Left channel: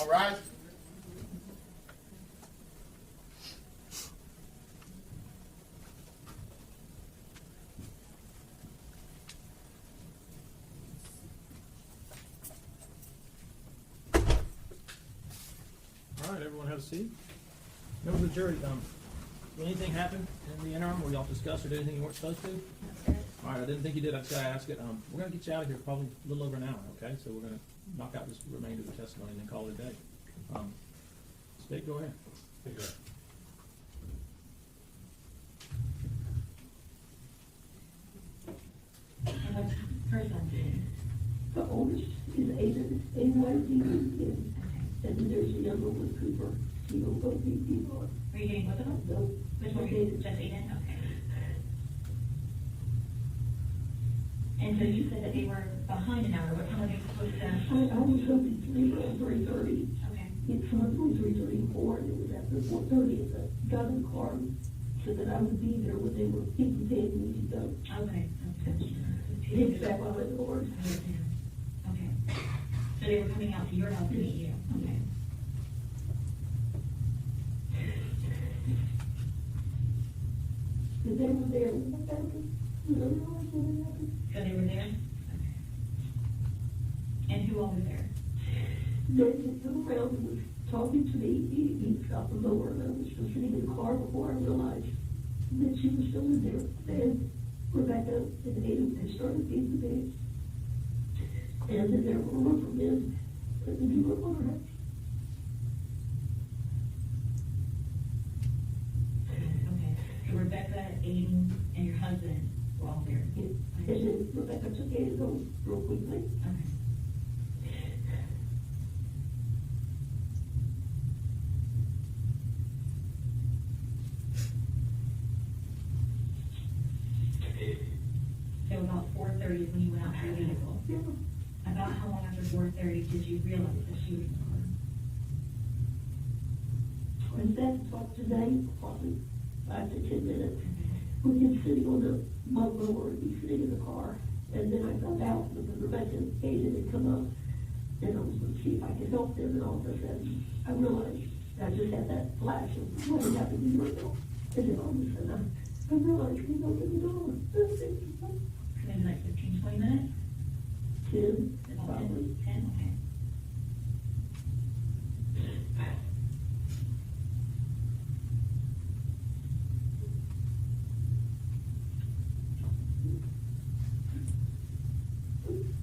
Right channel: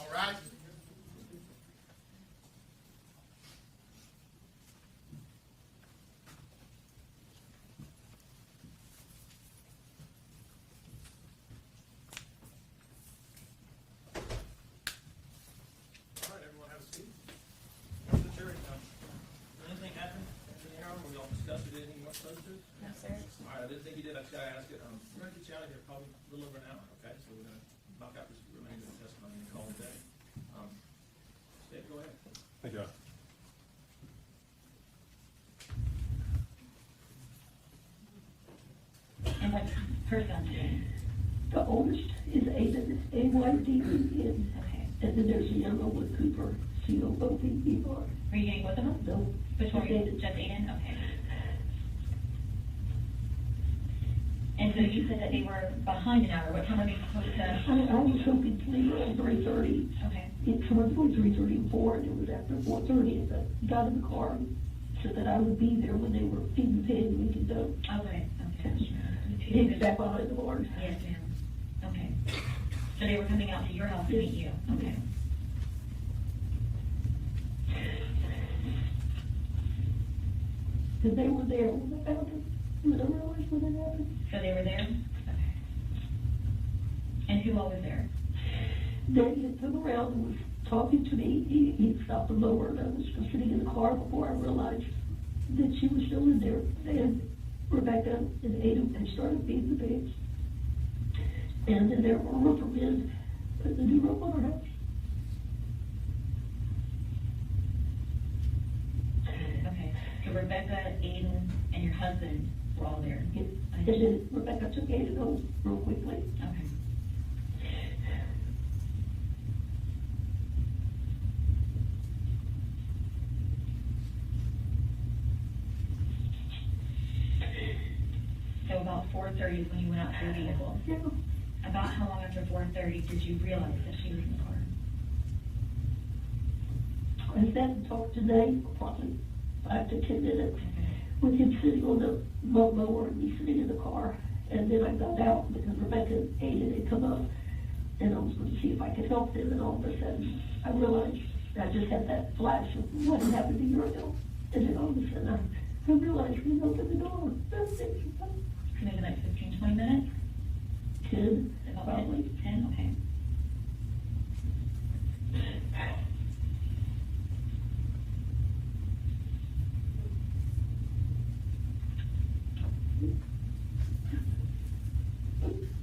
All right. All right, everyone have a seat. Members of the jury, did anything happen in the interim where y'all discussed or did anything you weren't supposed to? No, sir. All right, I didn't think you did. I just gotta ask it. We're gonna get you out of here probably a little over an hour, okay? So we're gonna knock out this remainder of the testimony and then call it a day. State, go ahead. Thank you. And what's her son's name? The oldest is Aiden, A-Y-D-E-N, Okay. and then there's a younger one, Cooper, C-O-O-P-E-R. Are you getting both of them? No, Which one are you, just Aiden? Okay. And so you said that they were behind an hour. What time are they supposed to? I was hoping to leave around 3:30. Okay. It's someone going 3:30 and 4, and it was after 4:30, and I got in the car so that I would be there when they were feeding pig and we could go. Okay. Okay. It's back behind the bars. Yes, ma'am. Okay. So they were coming out to your house to meet you? Okay. Because they were there when I found them, when I realized when it happened. So they were there? Okay. And who all was there? Then he turned around and was talking to me. He stopped the mower, and I was sitting in the car before I realized that she was still in there. And Rebecca and Ada had started feeding the pigs. And then there were rubber men at the new roof on our house. Okay. So Rebecca, Aiden, and your husband were all there? And then Rebecca took Ada home real quickly. Okay. So about 4:30 is when you went out to your vehicle? Yeah. About how long after 4:30 did you realize that she was in the car? I sat and talked today for probably 5 to 10 minutes Okay. with him sitting on the mower and me sitting in the car. And then I got out because Rebecca and Ada had come up, and I was going to see if I could help them. And all of a sudden, I realized I just had that flash of what had happened to Uriel. And then all of a sudden, I realized we opened the door. Maybe the next 15, 20 minutes? 10, About probably. 10? Okay.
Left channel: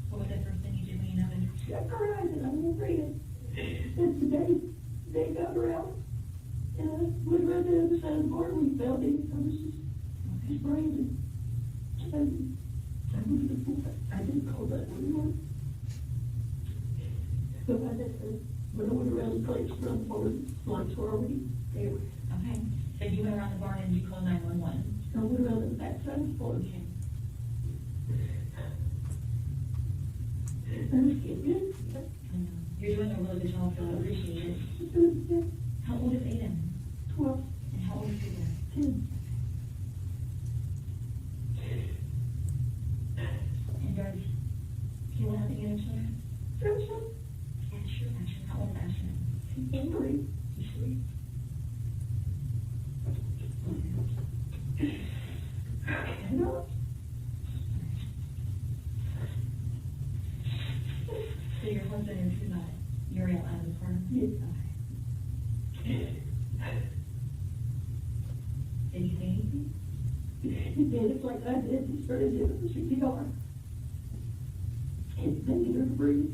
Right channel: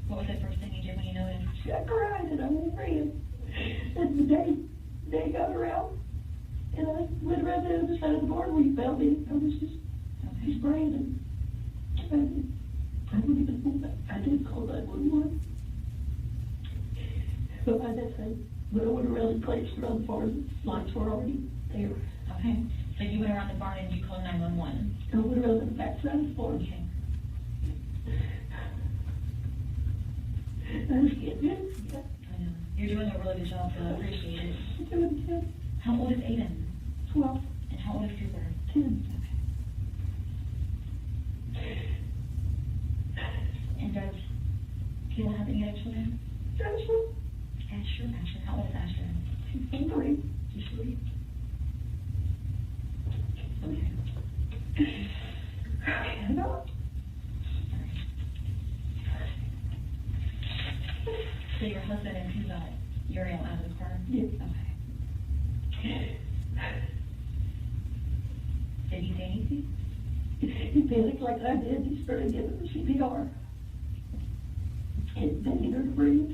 What was the first thing you did when you noticed? I cried and I ran. And they got her out. And I went around to the other side of the bar. We found him. I was just praying. And I didn't call 911. But by that time, when I went around the place around the barn, lights were already there. Okay. So you went around the barn and you called 911? I went around the back side of the barn. Okay. I was getting I know. You're doing a really good job, so I appreciate it. it. How old is Aiden? 12, And how old is Cooper? 10. And does Kayla have any other children? Asher. How old is Asher? She's 3. She's 3. Okay. Hello? So your husband and who got Uriel out of the car? Yes. Okay. Did he say anything? He panicked like I did. He started giving her CPR. And begging her to breathe.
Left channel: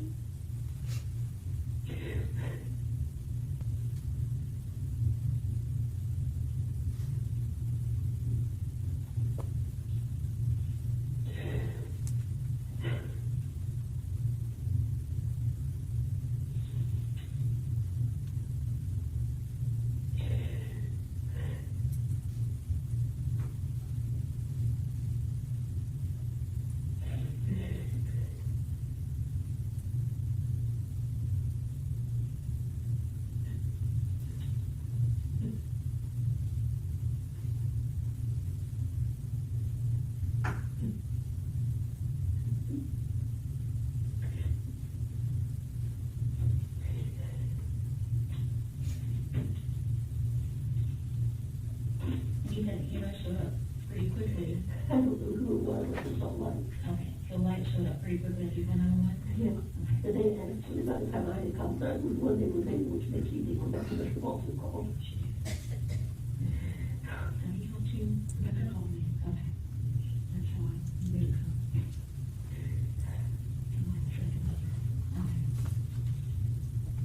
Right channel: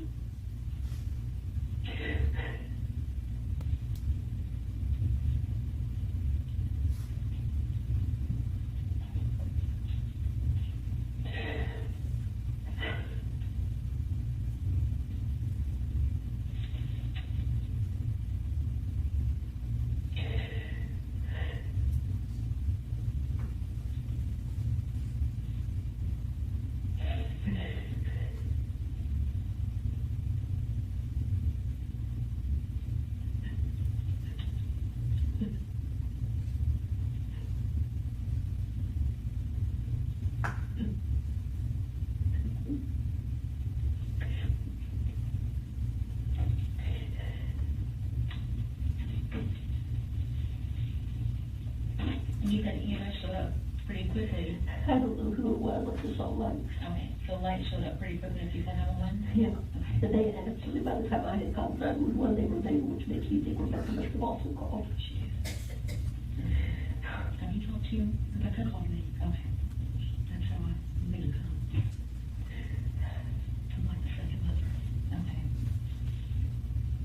I don't know who it was, I just saw lights. Okay, so lights showed up pretty quickly if you sent 911? Yeah, and they actually, by the time I had contact with one, they were there, which makes me think Rebecca must have also called. Have you talked to Rebecca? Called me. Okay. That's how I made it come. I'm like the second mother. Okay.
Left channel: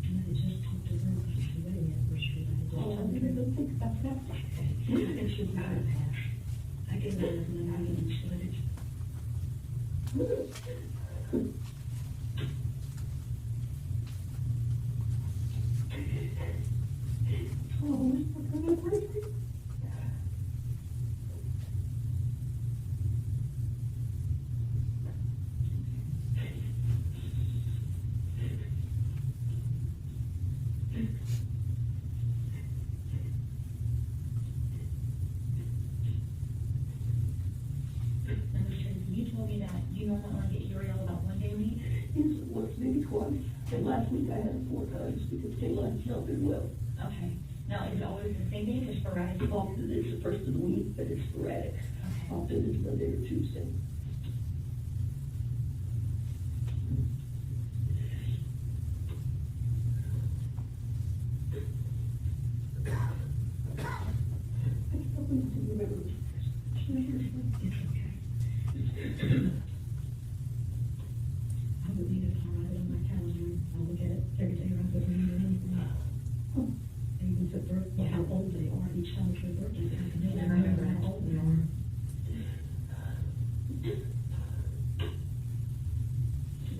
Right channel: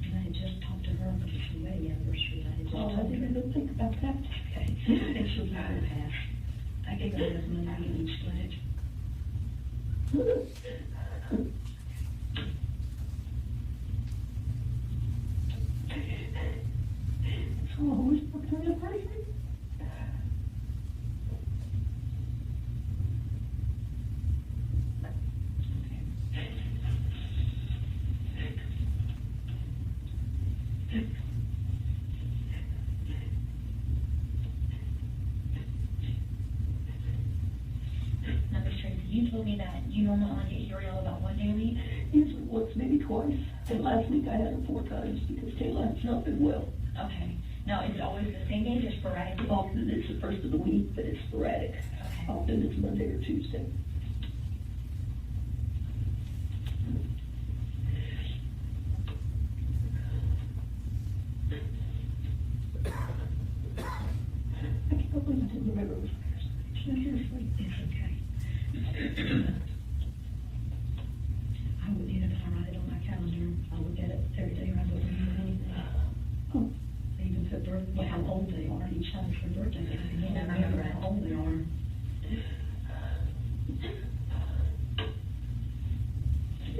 And I had just talked to her because she wedding anniversary. I had just Oh, I told her. didn't even think about that. Okay. And she'll be able to pass. I gave her enough money and split it. So, who's looking at crazy? Now, Miss Tracy, you told me that you normally only get Uriel about one day a week. Yes, once, maybe twice, and last week I had it 4 times because Kayla's not been well. Okay. Now, is it always the same days or sporadic? Often it's the first of the week, but it's sporadic. Okay. Often it's Monday or Tuesday. I can't believe I didn't remember it was Thursday. It's okay. I would need it if I write it on my calendar. I'll look at it every day rather than read anything. Oh, I even put how old they are each time it's their birthday. I can't remember how old they are.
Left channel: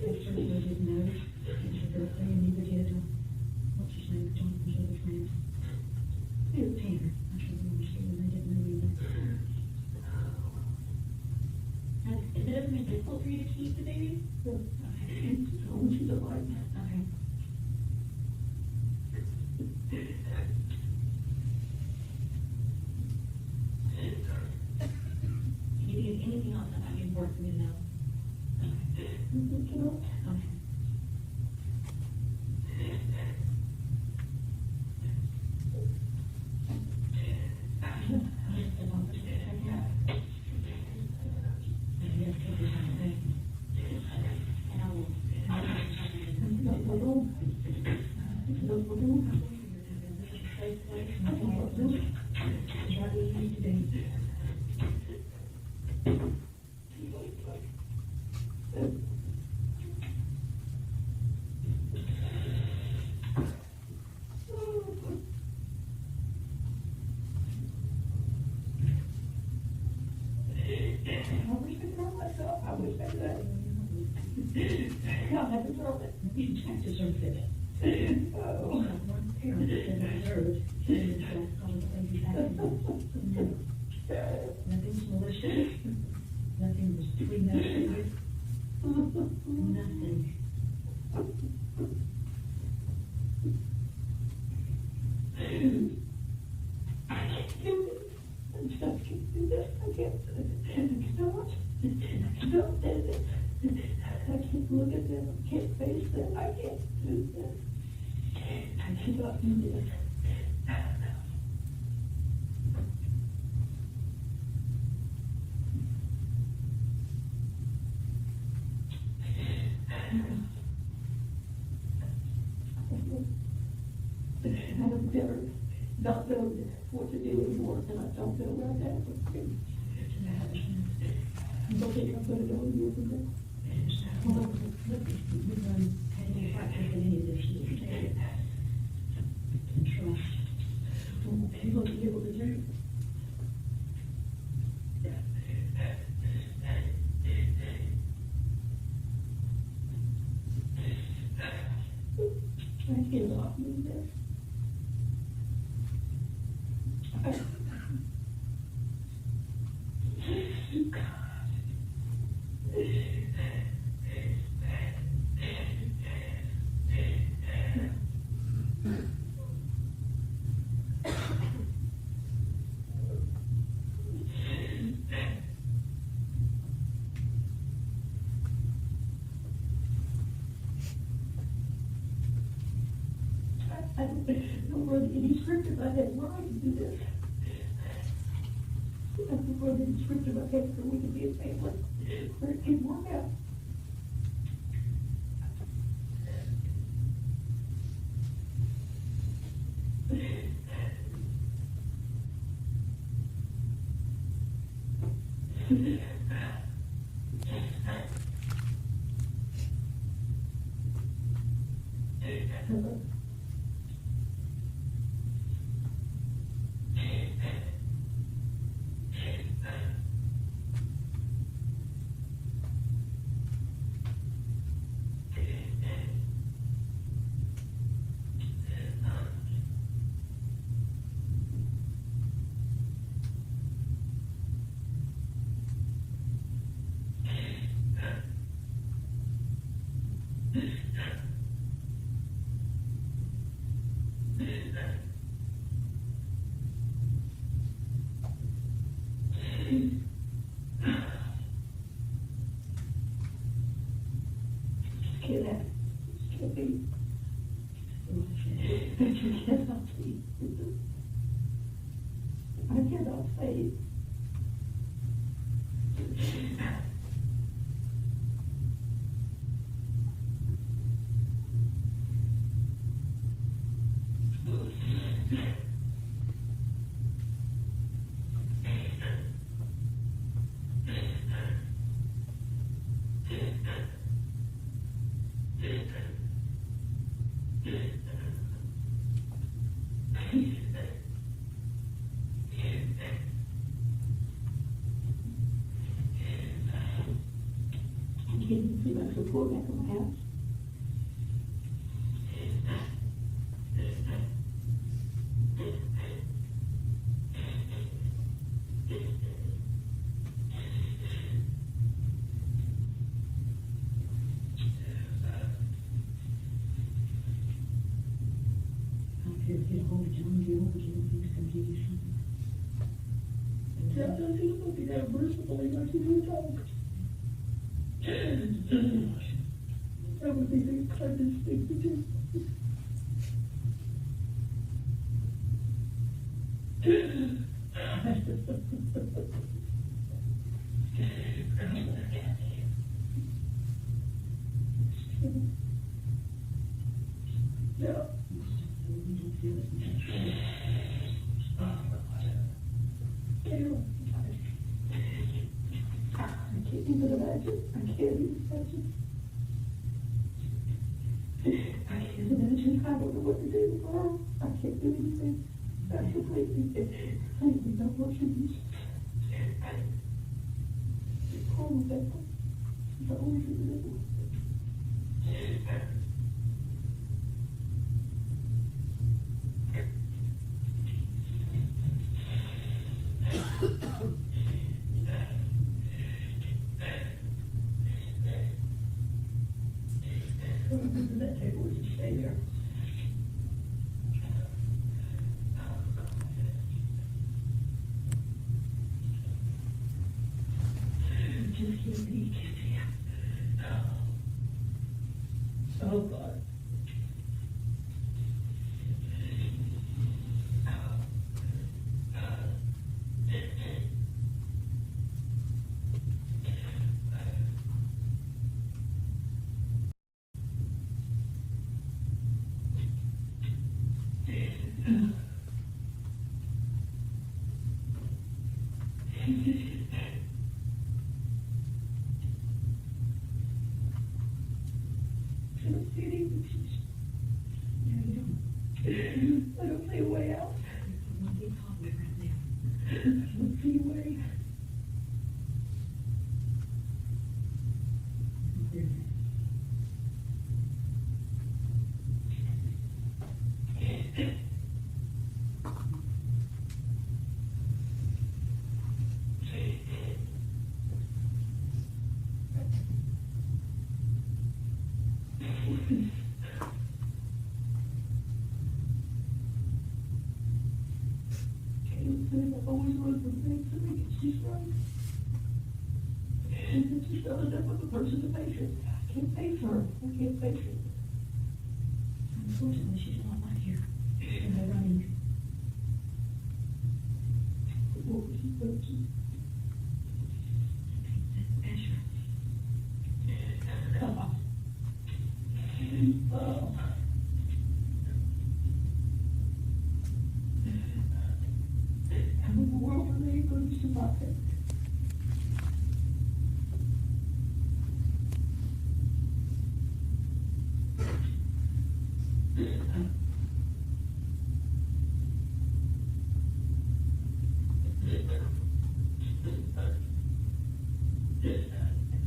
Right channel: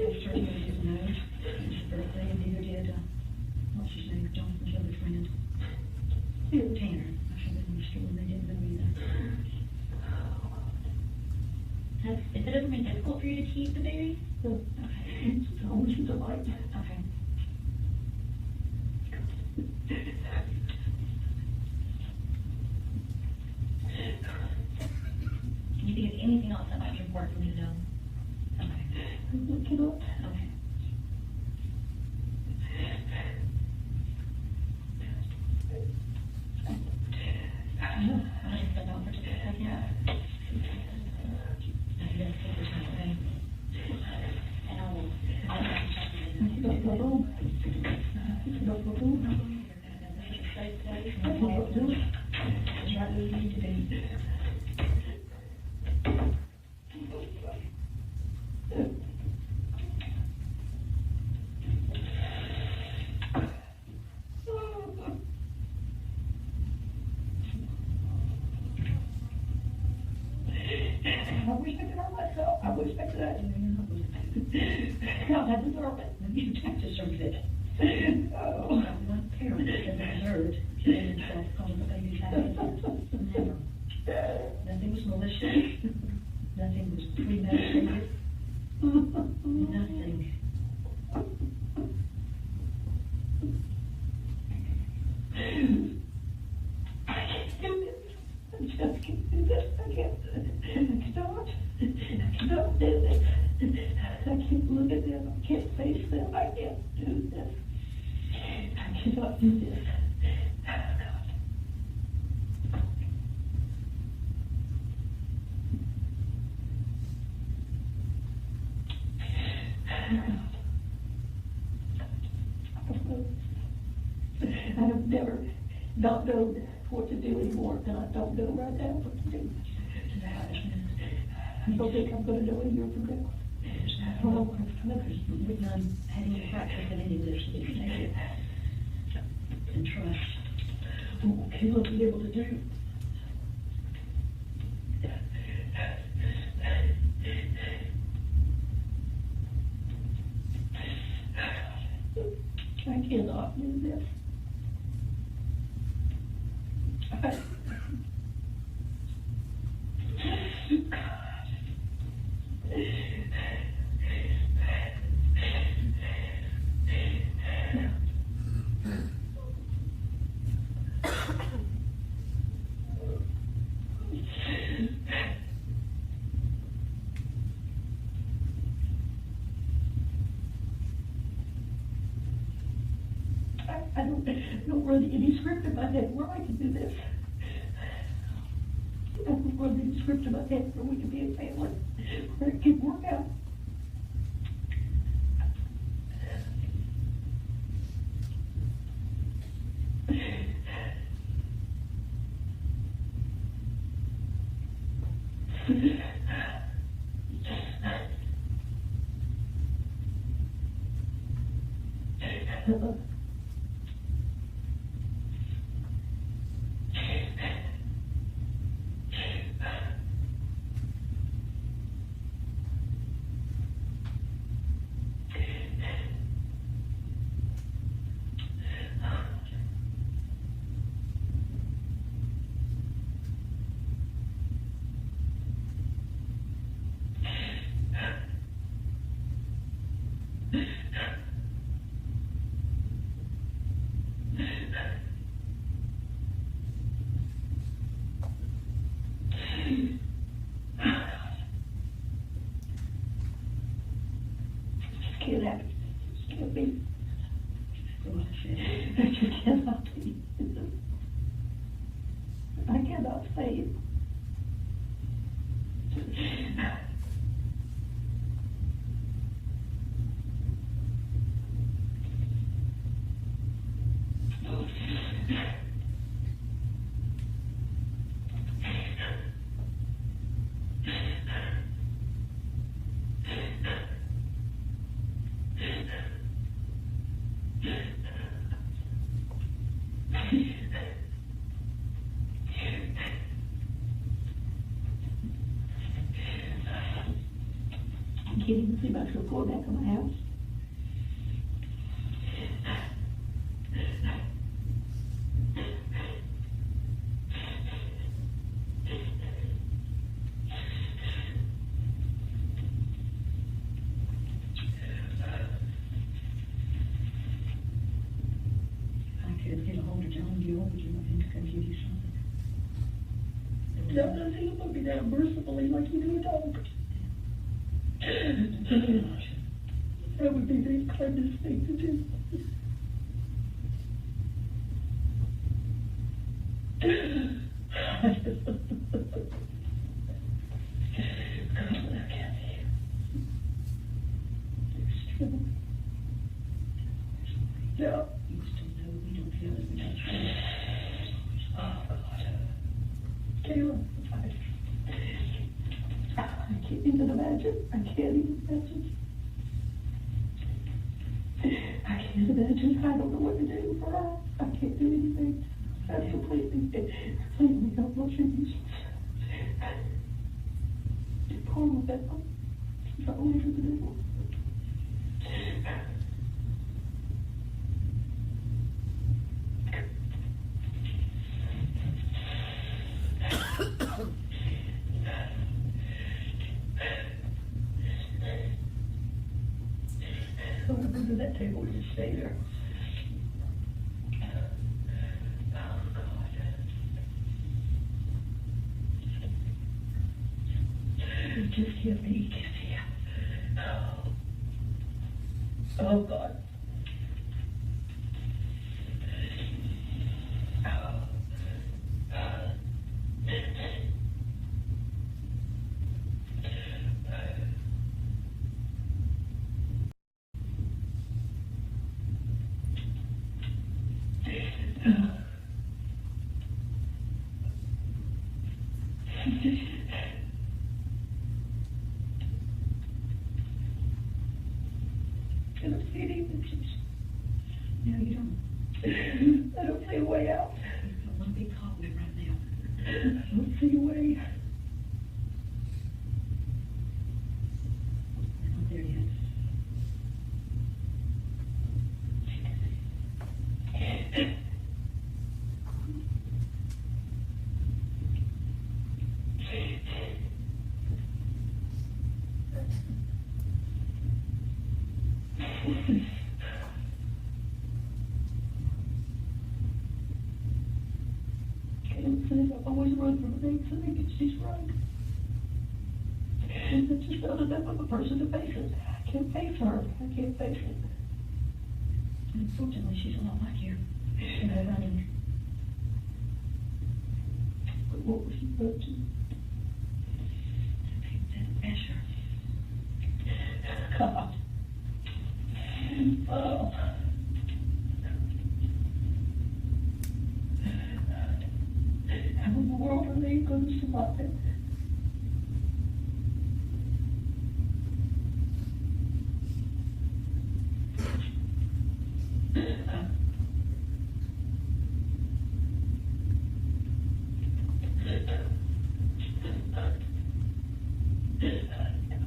Ezra didn't know it was his birthday, and neither did, what's his name, Jonathan's other friend. Tanner. I said they were still, they didn't know either. If it doesn't make it difficult for you to keep the baby? no, Okay. it's always a delight. Okay. Can you think of anything else that might be important for me to know? Okay. I cannot. Okay. I'll just sit down for just a second. I guess take your time, okay? And I will. No problem. No problem. Safe place, no problem. Just right where you need to be. I wish I could hurt myself. I wish I could. No, I deserve it. You have to deserve it. Oh. I'm not a parent, it doesn't deserve it. You made yourself call the baby's happy. Never. Nothing was malicious. Nothing was premeditated. Nothing. I just can't do this. I can't. I cannot. I cannot do this. I can't look at them. I can't face them. I can't do this. I cannot do this. I have never not known what to do anymore, and I don't know right now what to do. I don't think I'm gonna know a year from now. We've done any practice in any of this, you can take it and trust. What Caleb was able to do. I cannot do this. I don't know where any script in my head where I can do this. run the script of my head so we could be a family, where it could work out. Can't have it. It can't be. It just cannot be. I cannot say it. I can't even see myself going back to my house. I could get a hold of John Gill, would you want him to come give you something? John doesn't look at me that mercifully like you do, dog. That would be the kindest thing to do. Yeah. You still know we don't feel as natural. Oh, God. Kayla, I can't even imagine. I can't even imagine. I can't imagine. I don't know what to do for her. I can't do anything. I'm completely don't want you to be poor with that one. She's not only for the devil. Go to that table and just stay there. Just give me, oh God. Can I see anything? No, you don't. I don't see a way out. One big hallway right now. I don't see a way. There it is. I've always run from things, I think it's just right. And it's just not enough of a person to face it. I can't face her. I can't face it. Unfortunately, she's a lot like you. Running. But what was she supposed to? Oh. How in the world are they going to survive it?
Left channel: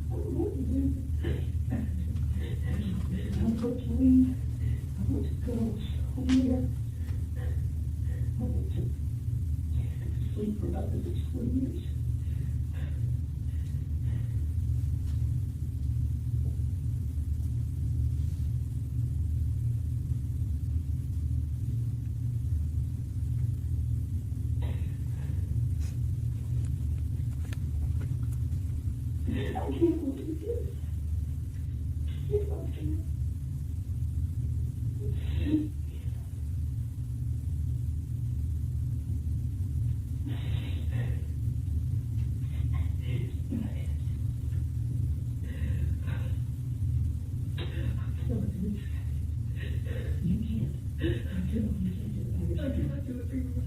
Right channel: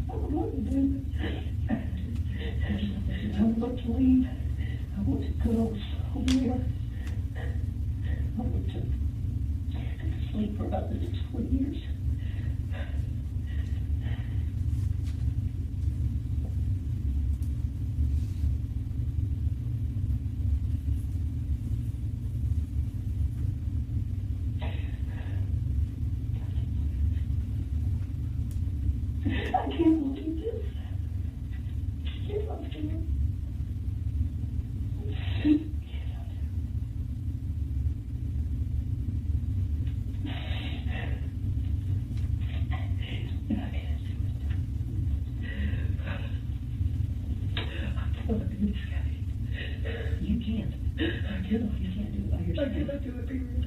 I don't know what to do. I want to leave. I want to go somewhere. I want to sleep for about the next 20 years. I can't believe this. Yes, I can. You can't. I do. You can't do it by yourself. I cannot do it by yourself.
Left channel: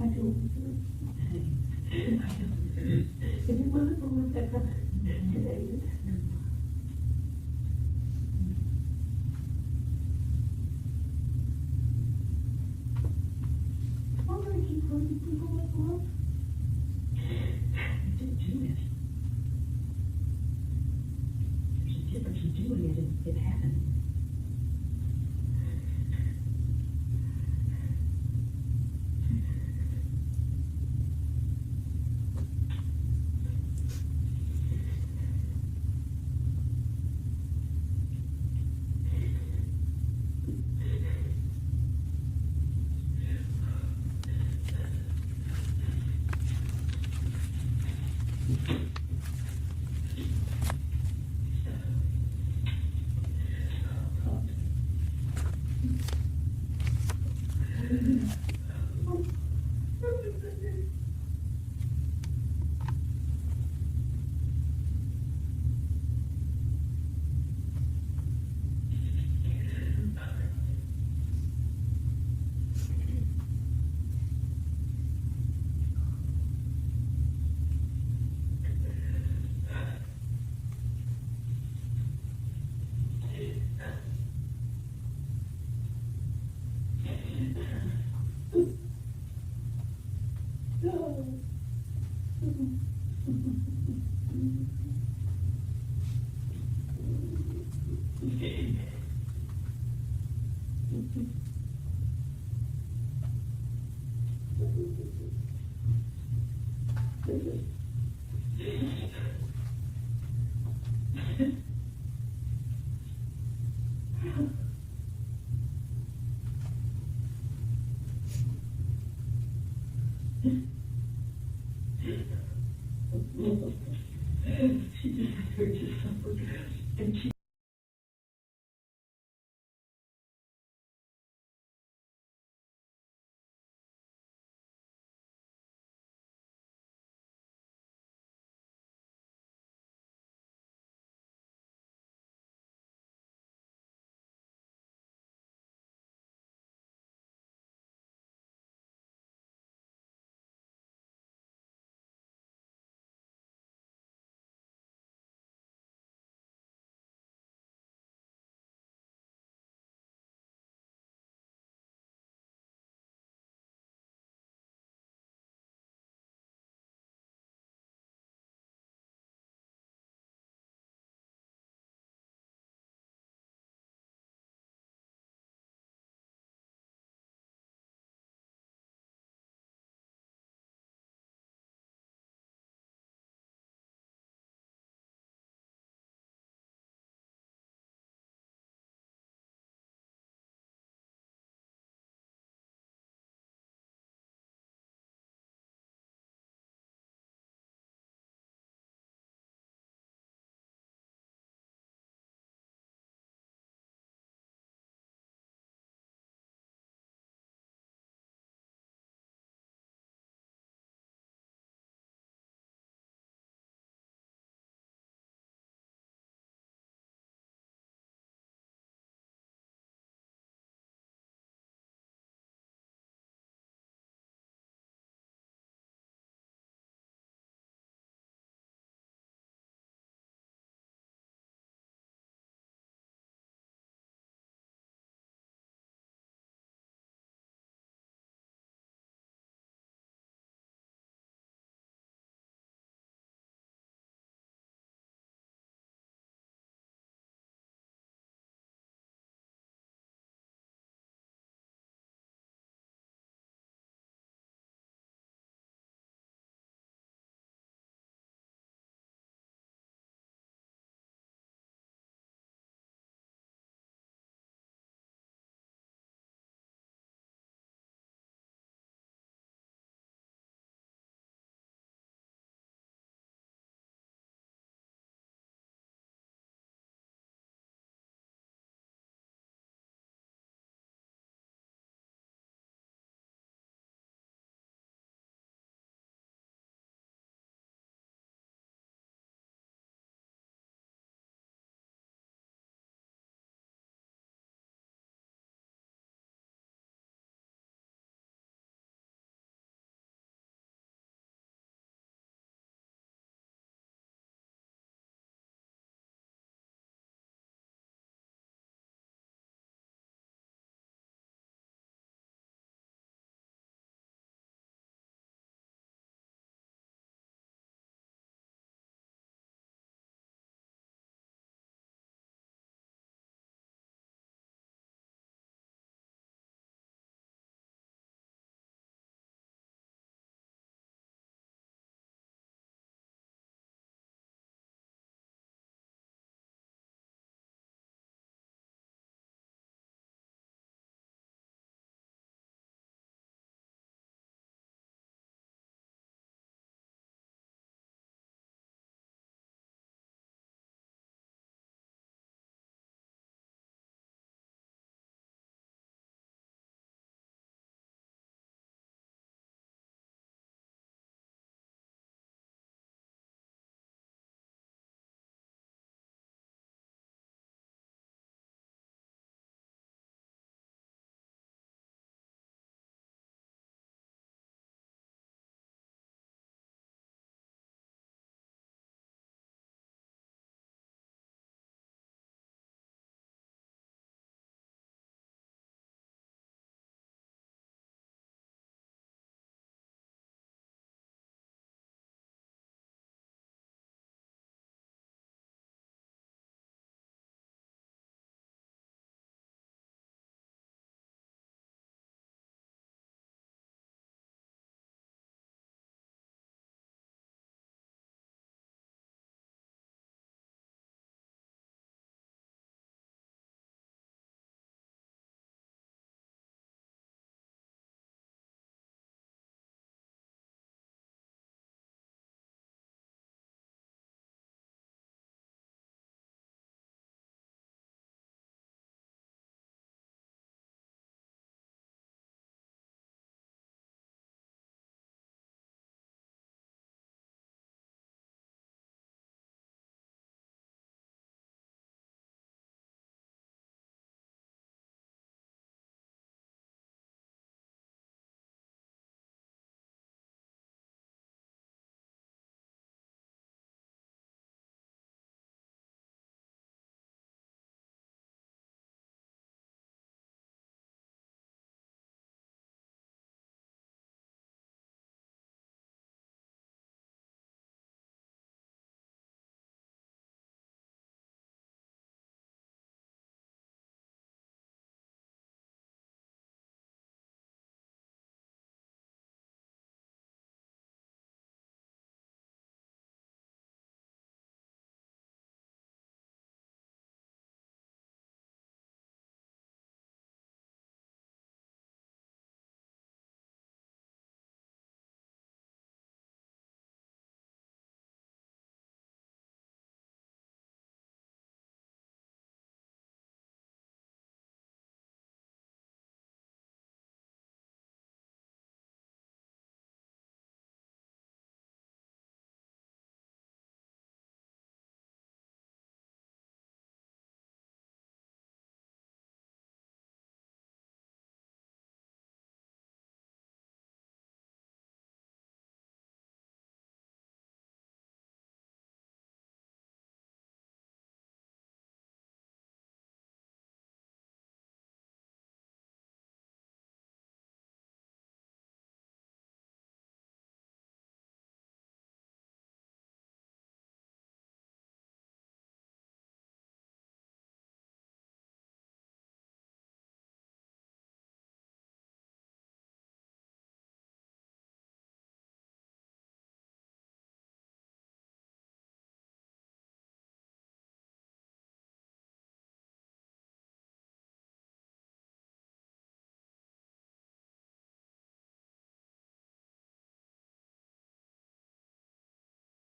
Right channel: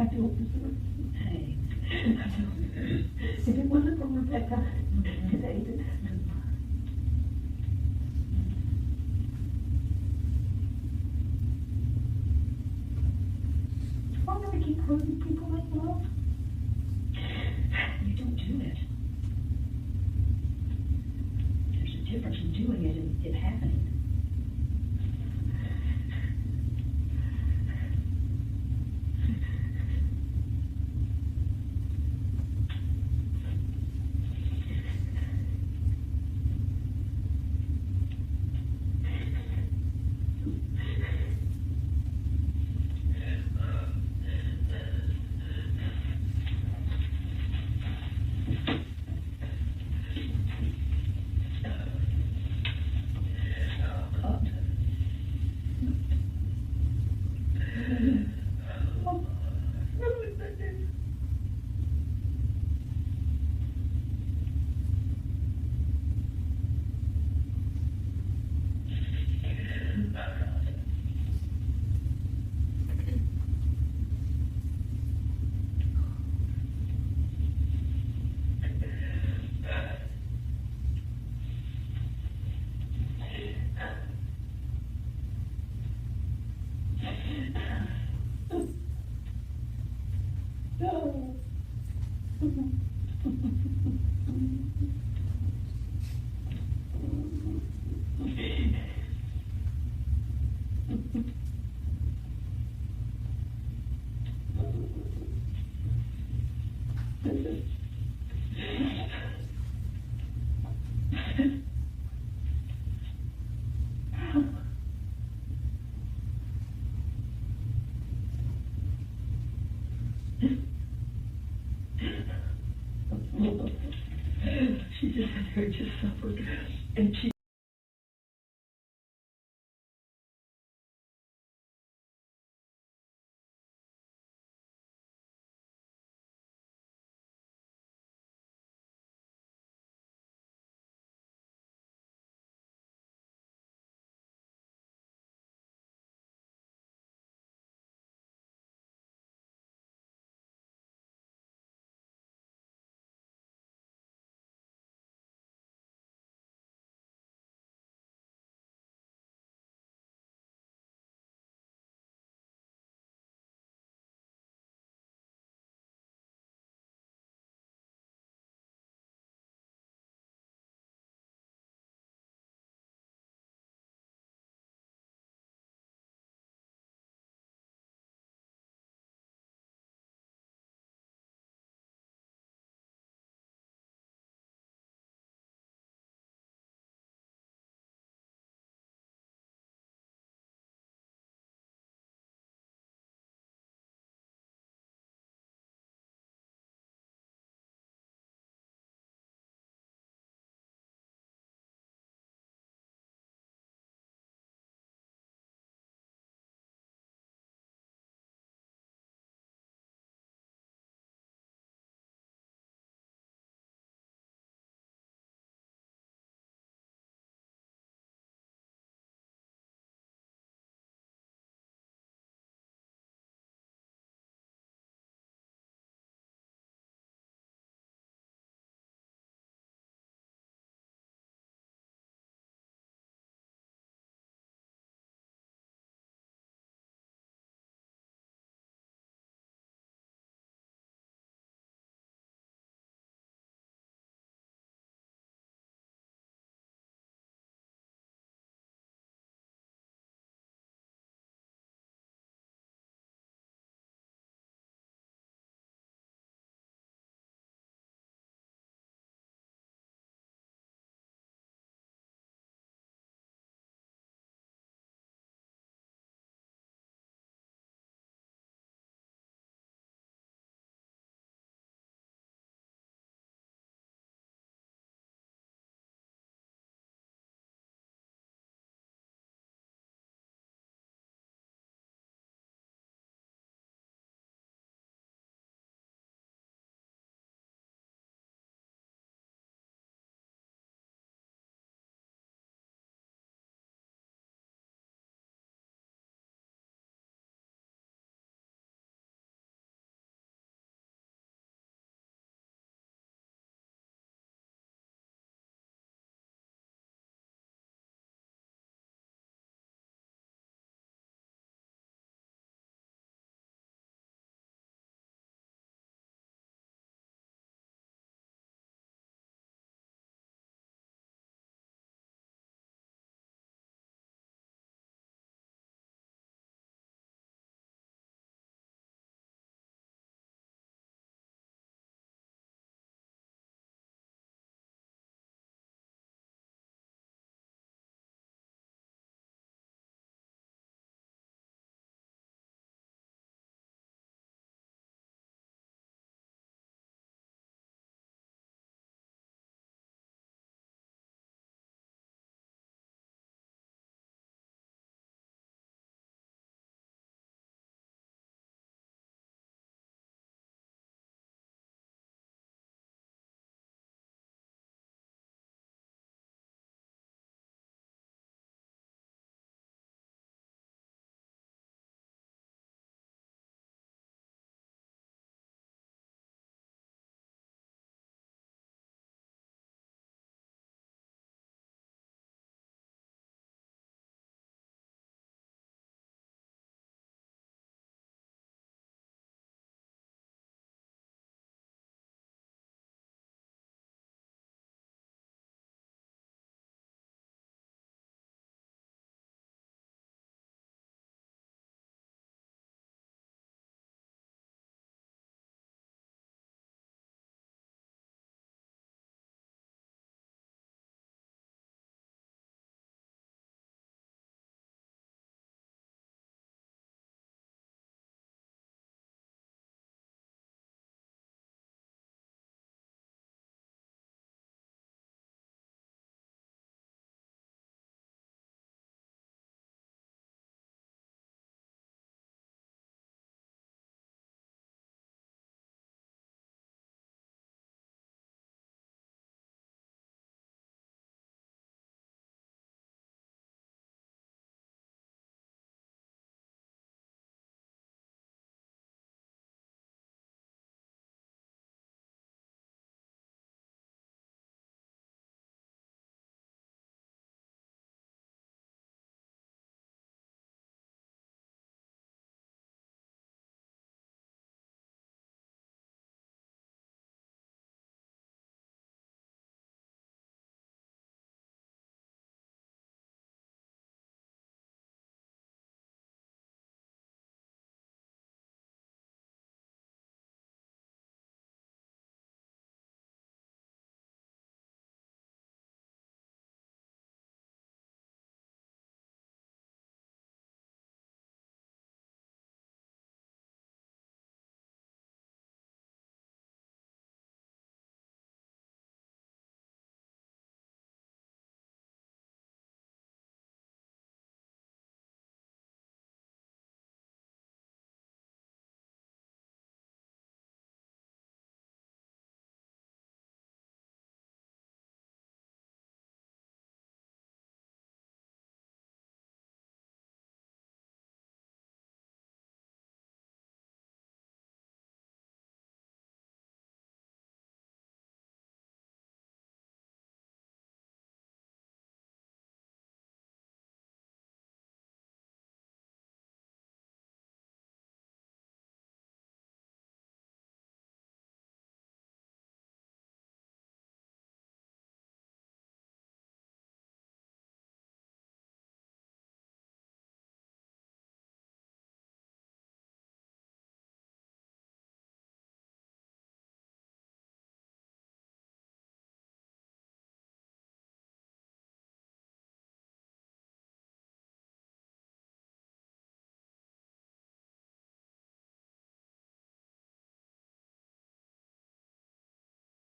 I don't deserve it. Hey. If it wasn't for Rebecca and David. I'm gonna keep hurting people I love. You don't do it. There's a difference in doing it and it happening. She just had her to suffer, and she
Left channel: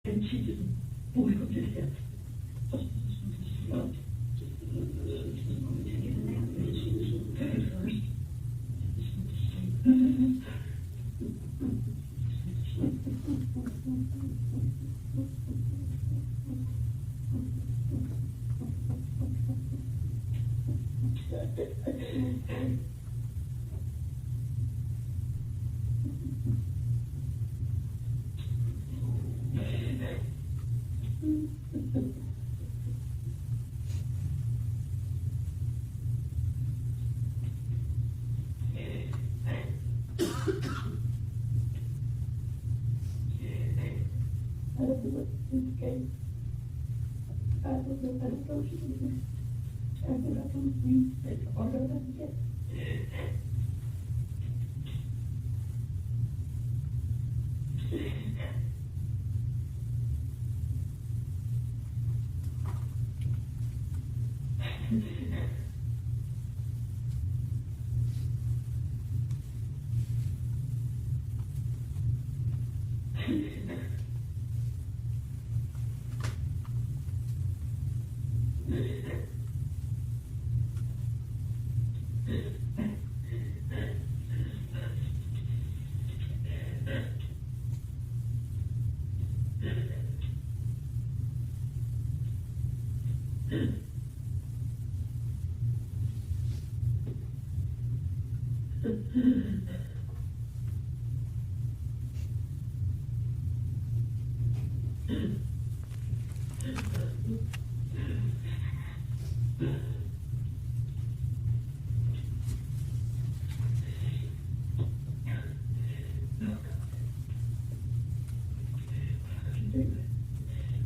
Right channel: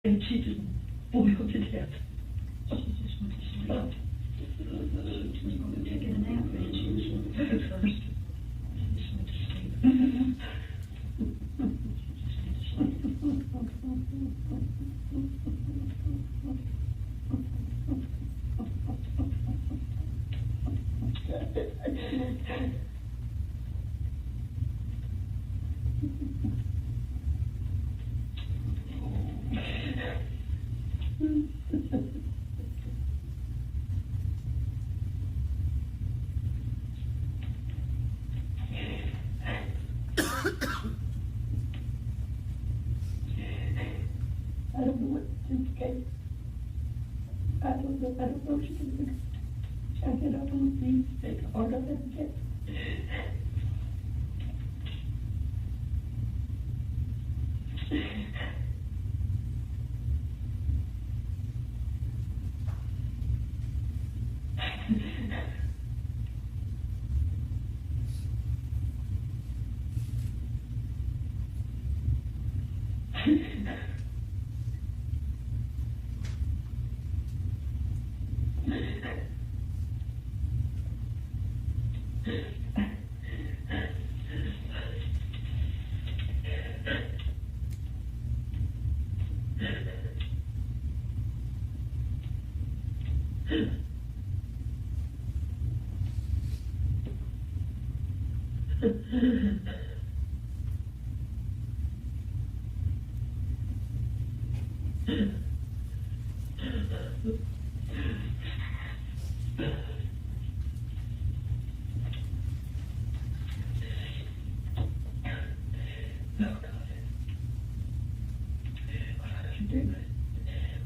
and she just boiled to death. She just went to sleep. She was going to take a nap, and she was looking first. She just went to sleep. She just went to sleep. I don't know what to do, okay? I don't know what you can do. I get up on me, it's harder than it.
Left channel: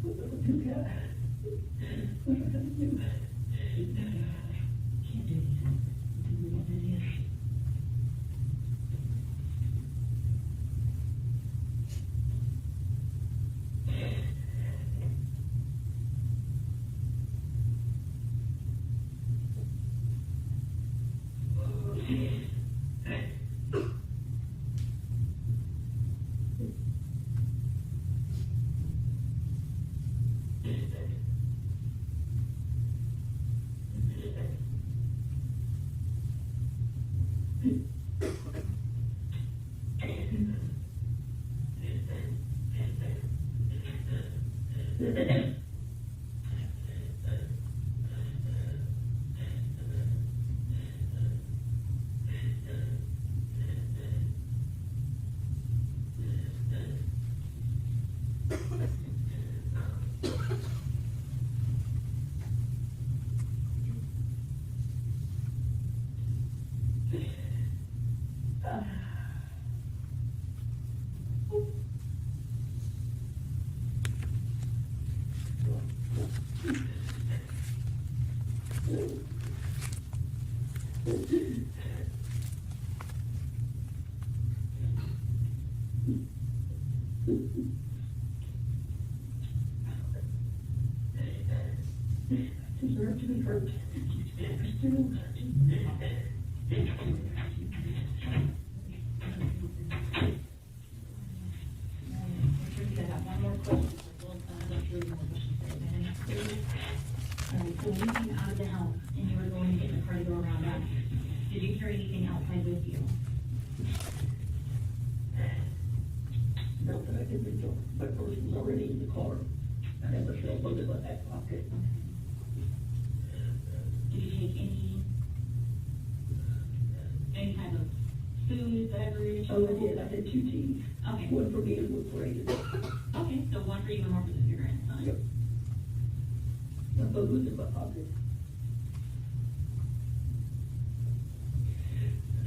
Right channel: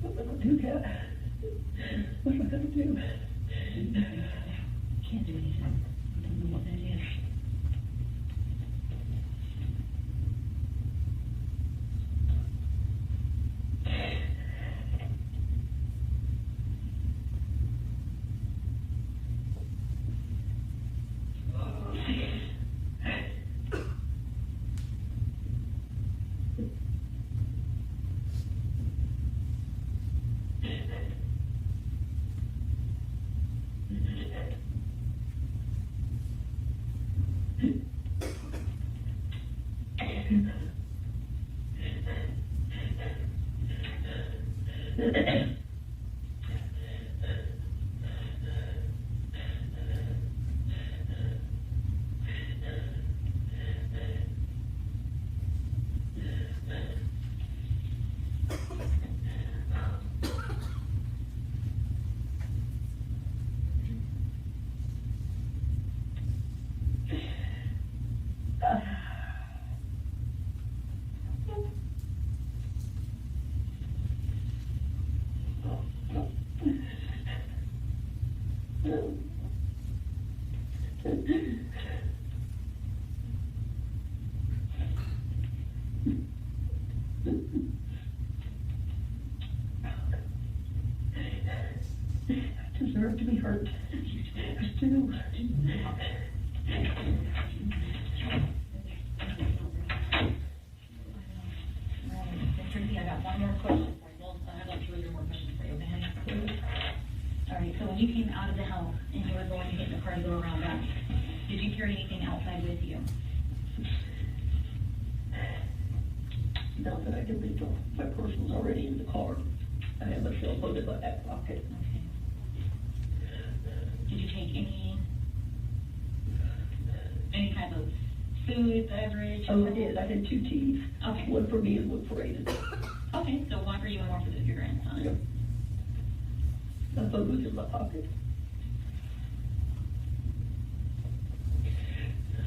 What am I gonna do, Kat? What am I gonna do? Can't do anything. I don't know what that is. I deserve to be hurt. I do. Tracy, I got one more question. Well, I'd like to read more questions for you, man. All right, so when you came out of the house and you were going to get in the car to go around back, did you carry anything outside with you? Not that I can think of. My purse was already in the car. I had my cell phone in my back pocket. Okay. Did you take any type of food, beverage? Oh, I did. I had 2 teas. Okay. One for me and one for Aiden. Okay, so one for you and one for your grandson. Yep. My phone was in my pocket.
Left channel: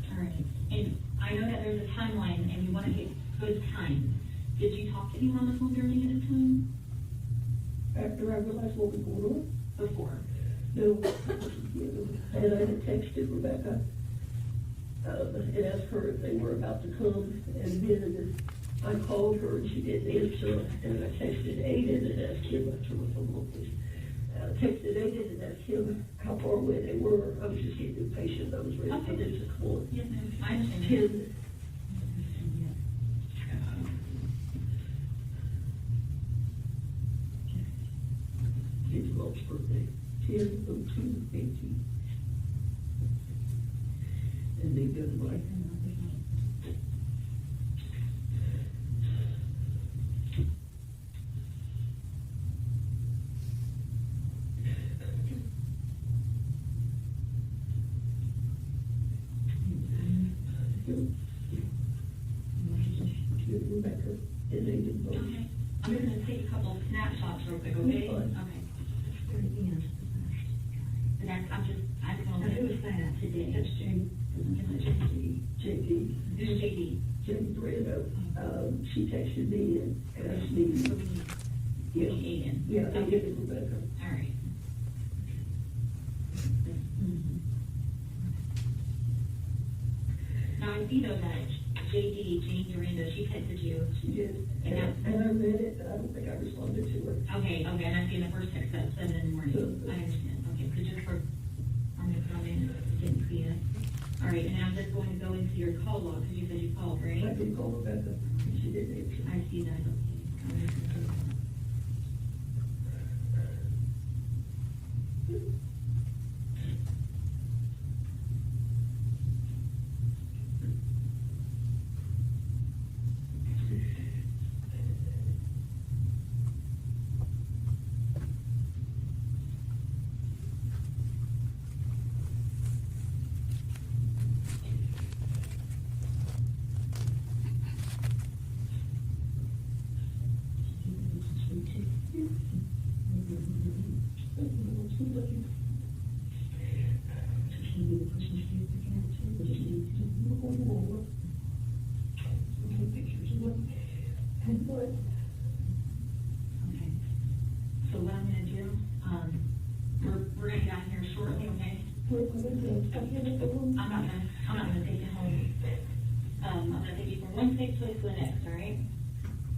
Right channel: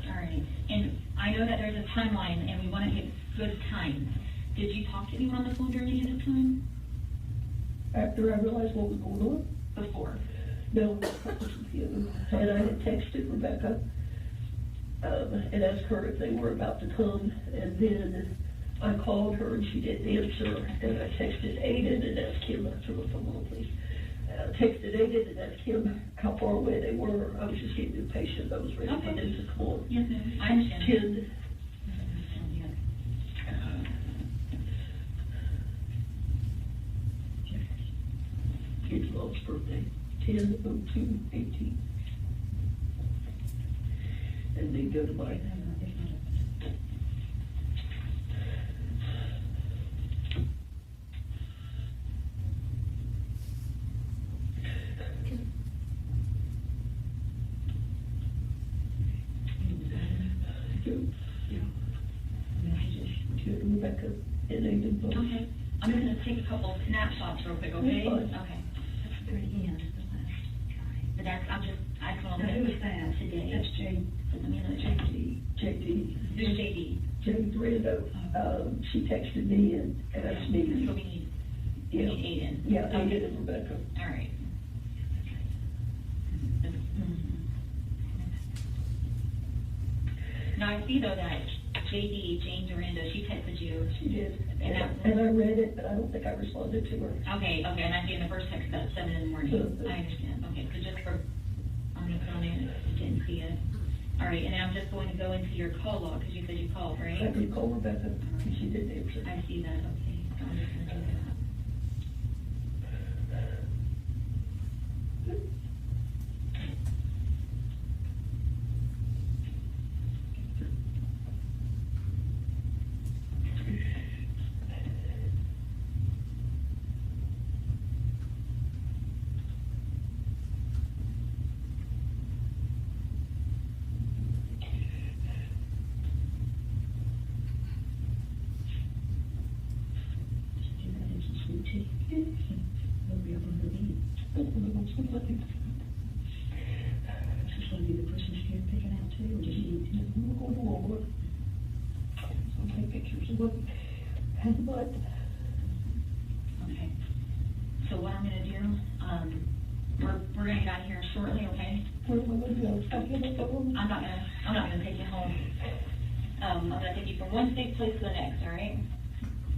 All right, and I know that there's a timeline and we want to get good time. Did you talk to anyone on the phone during any of this time? After I realized what was going on, Before? no, and I had texted Rebecca, and asked her if they were about to come, and then I called her and she didn't answer, and I texted Aiden and asked him, I turned the phone on, please. Texted Aiden and asked him how far away they were. I was just getting impatient. I was ready for this to come on. Yes, ma'am. I understand. 10. kid's mom's birthday, 10/02/18. And then go to my. Rebecca, and they did both. Okay, I'm gonna take a couple snapshots real quick, okay? That's fine. Okay. Very end. But that's, I just want to. Who is that? Today. That's Jane. I mean, it's JD. Who's JD? Jane Brito, she texted me and asked me. So we need Aiden. Yeah, I did it, Rebecca. All right. Now, I see though that JD, Jane Durando, she texted you. She did, And and I read it, but I don't think I responded to her. Okay, and I see in the first text that 7 in the morning. Sure. I understand. Okay, so just for, I'm gonna put on there, didn't see it. All right, and I'm just going to go into your call log, because you said you called, I right? did call Rebecca, and she didn't answer. I see that, okay. I'm just gonna do that. Okay. So what I'm gonna do, we're gonna get out of here shortly, okay? I'm not gonna take you home. I'm gonna take you from one safe place to the next, all right?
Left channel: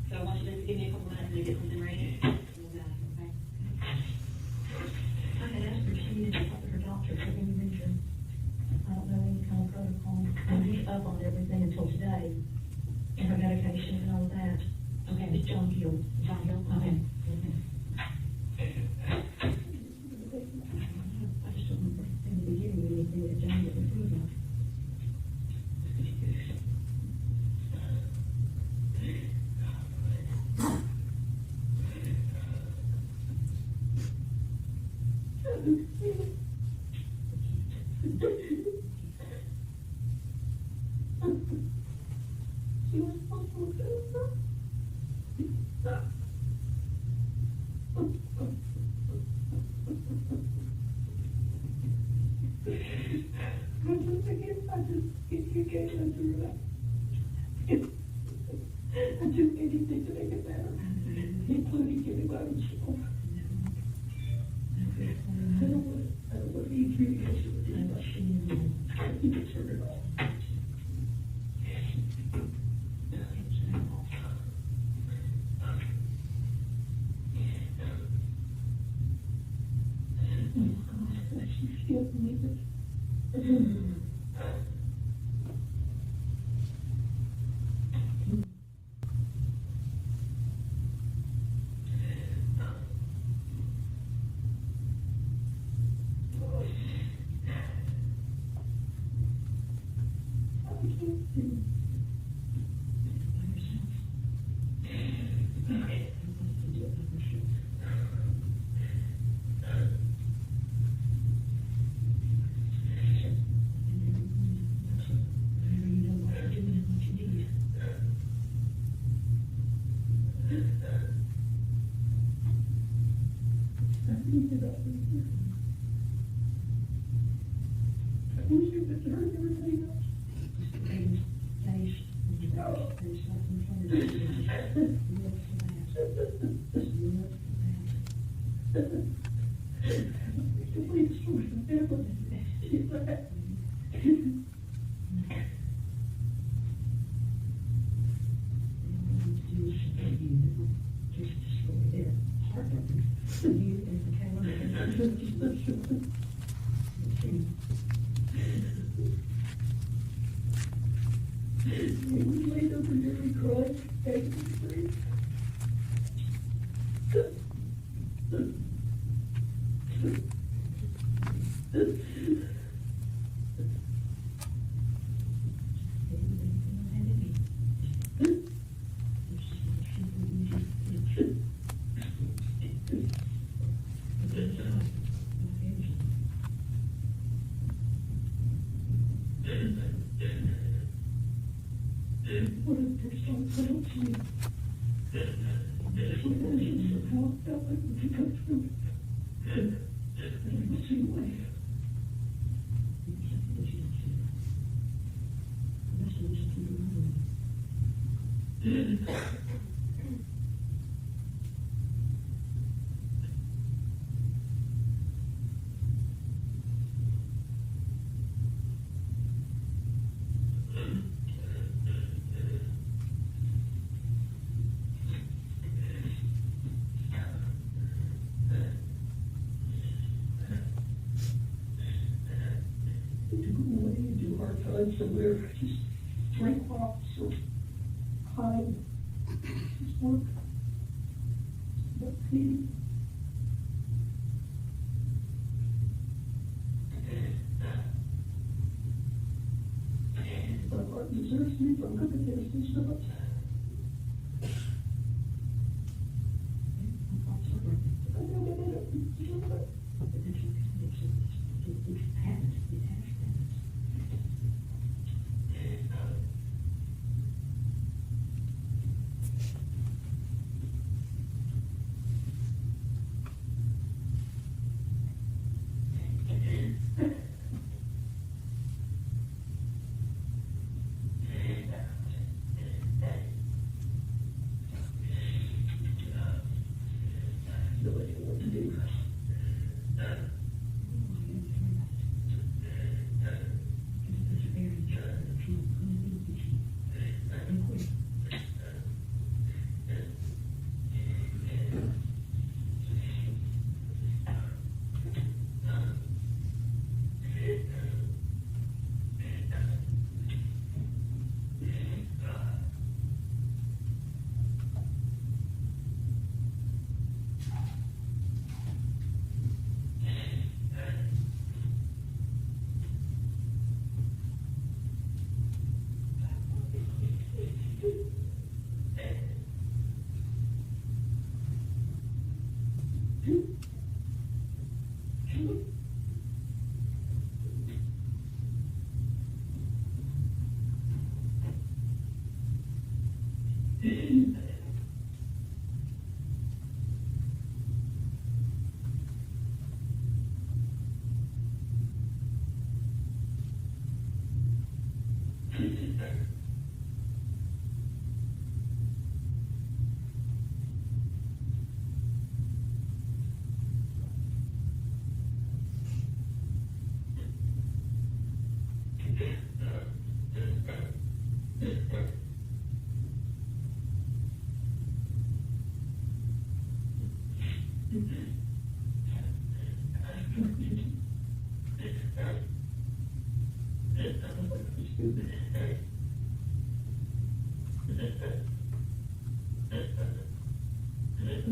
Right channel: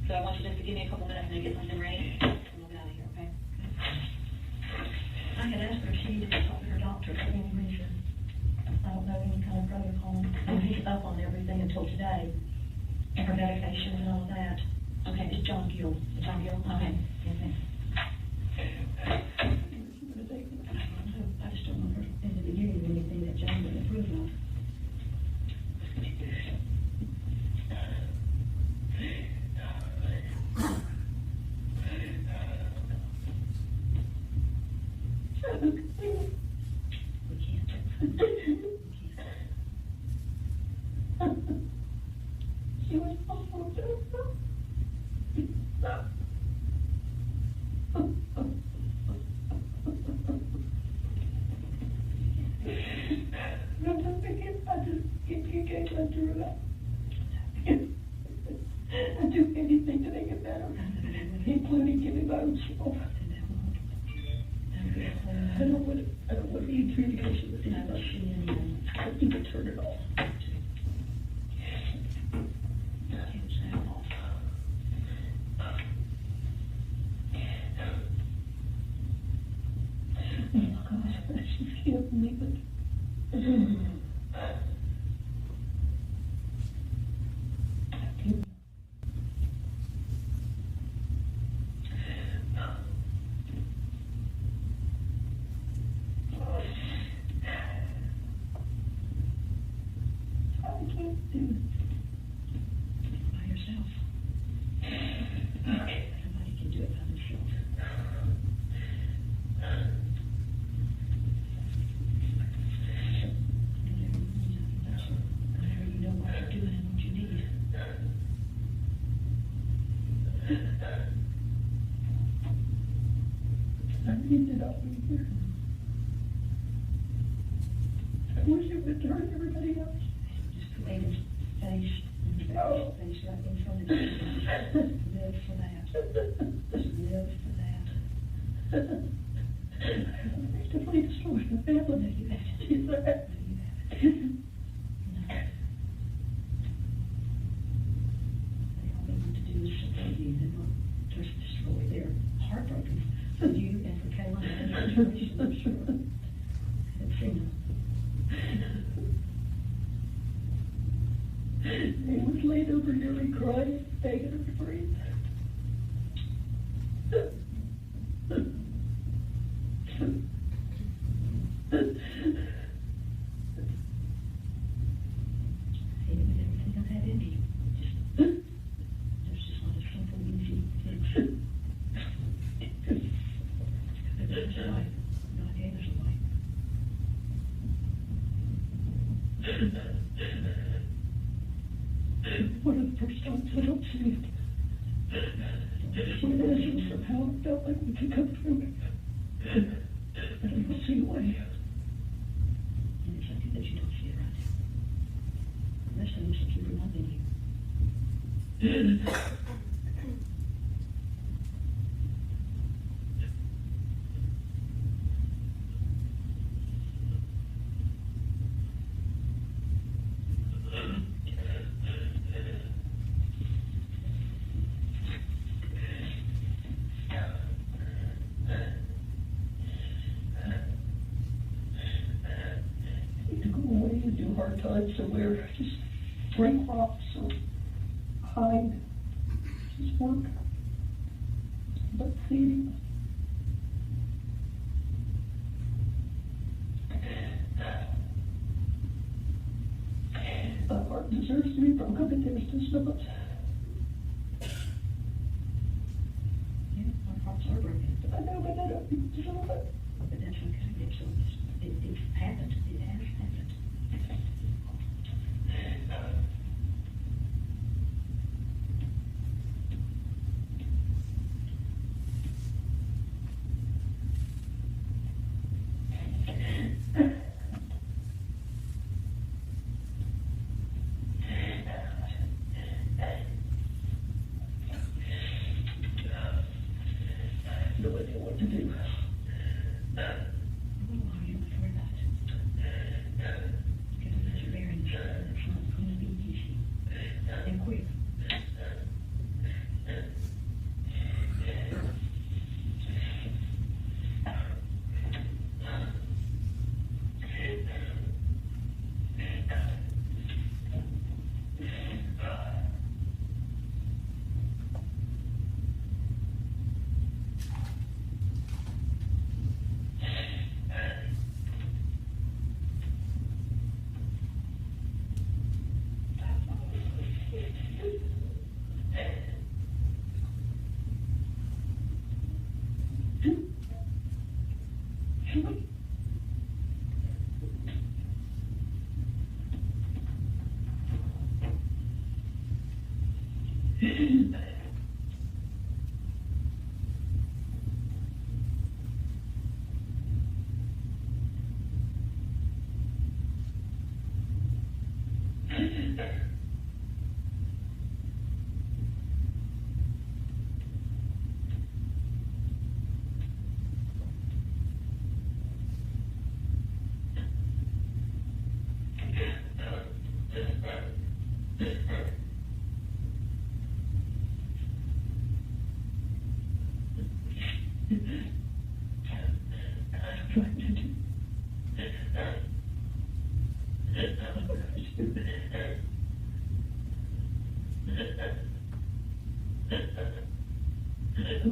So I want you just to give me a couple minutes to get something ready, and we'll get out of here, okay? I had asked her if she needed to talk to her doctor for any reason. I don't know any kind of protocol. And he's up on everything until today, and her medication and all that. Okay. It's John Gill. John Hill, okay, okay. I just don't remember in the beginning anything that John would approve of. She was awful, I do anything to make it better, including giving my own soul. I don't want to be communication with anybody. I need to turn it off. She's killed me, but. I can't do it. By yourself. Nobody can do it by themselves. Whenever you know what you're doing and what you need. I need it out here. I wish it would turn everybody else. Just put David's face, and Oh. face right in front of you. Live for that. Just live for that. To please destroy the family. She's there. They all they need to do is support you, and not just destroy. They're heartbroken for you and for Kayla and Trina. He was laid over here and cried, begging to be free. One of the first times I don't see it. When Ezra somehow felt like we could come through it. And I will see why. There's something that you don't see around here. There's something that keep reminding you. Hard times somewhere, just break crops or hide, just work, but feeding. That part deserves to be broken, but there's just not. Yeah, my crops are broken. I know, but I don't, you know what? But that's okay, it's happened, it has happened. No idea what to do.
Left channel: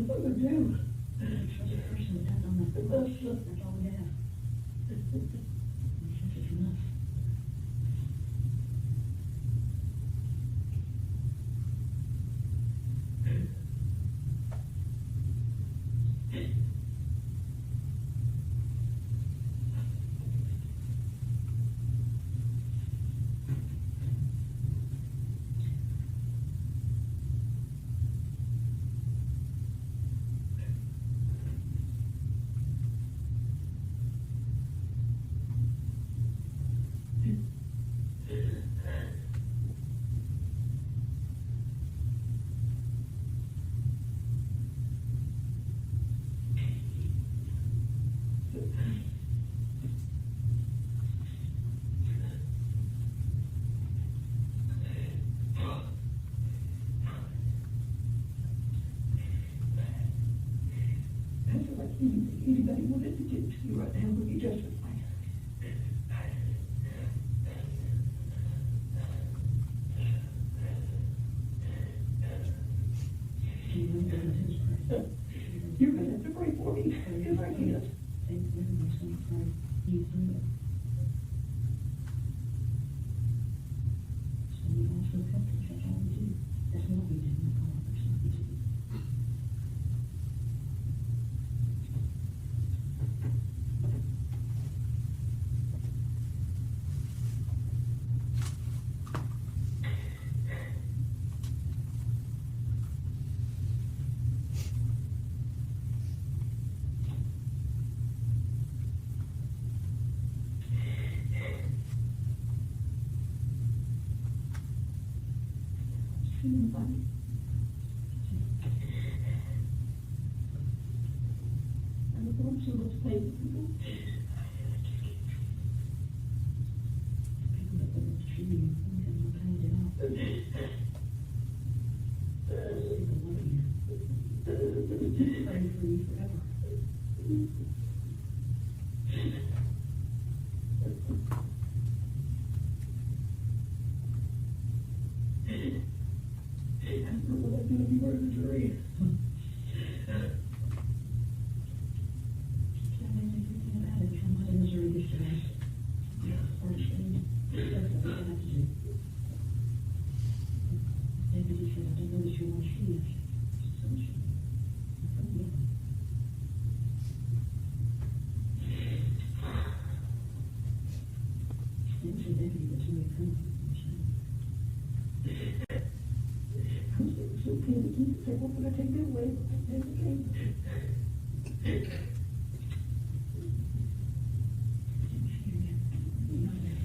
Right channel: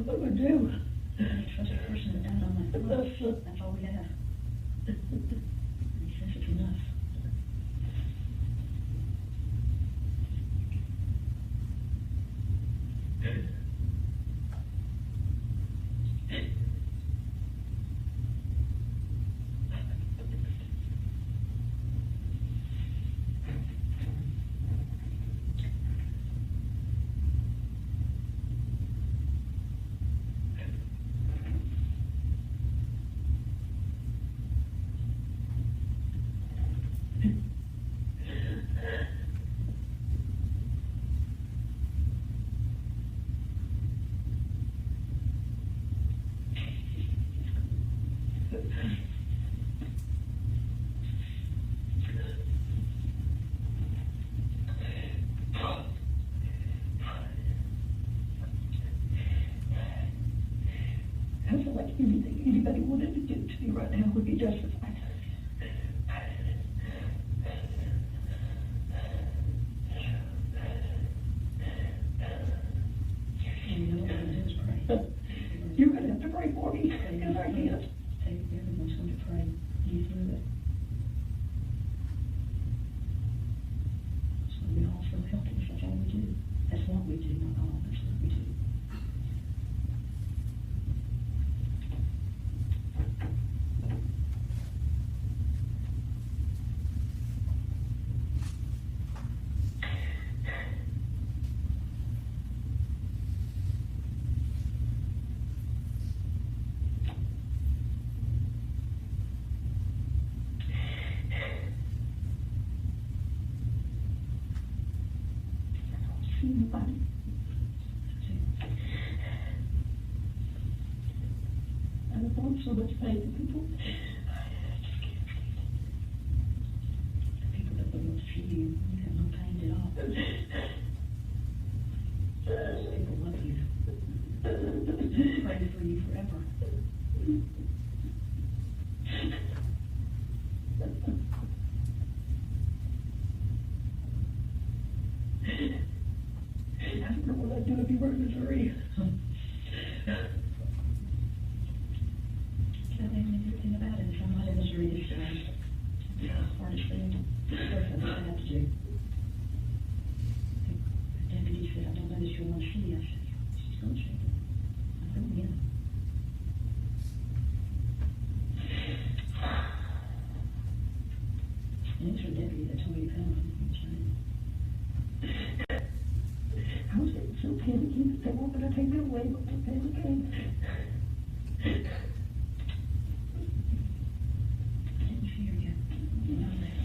What would do? It's just a person that died on my foot. That's all we have. He says it's enough. I feel like anything anybody wanted to do to me right now would be justified. And you know what it is, pray. You're gonna have to pray for me, because I can't. everyone's going to pray you through it. So we all feel helpless, that's all we do. That's what we do, not all, that's what we do. Anybody? And I'm so much pain to people. People that will see you, you have no pain at all. People love you. Pray for you forever. I don't know what I'd do if you were in Missouri. Can't make anything about it. I'm not in Missouri this time. It's the hardest thing, first I've ever had to do. The deputy said, I don't know that you want to see us. She's going to see you. I said, yeah. It's her deputy that told me to come. I was getting so panicky that they weren't gonna take me away, but the panic came. Didn't fear you. You know that.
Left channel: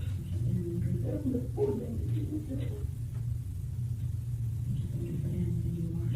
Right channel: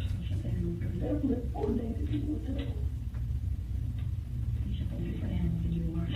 She's up there in the That was the poor thing that you would do. He's up on a different animal than you are.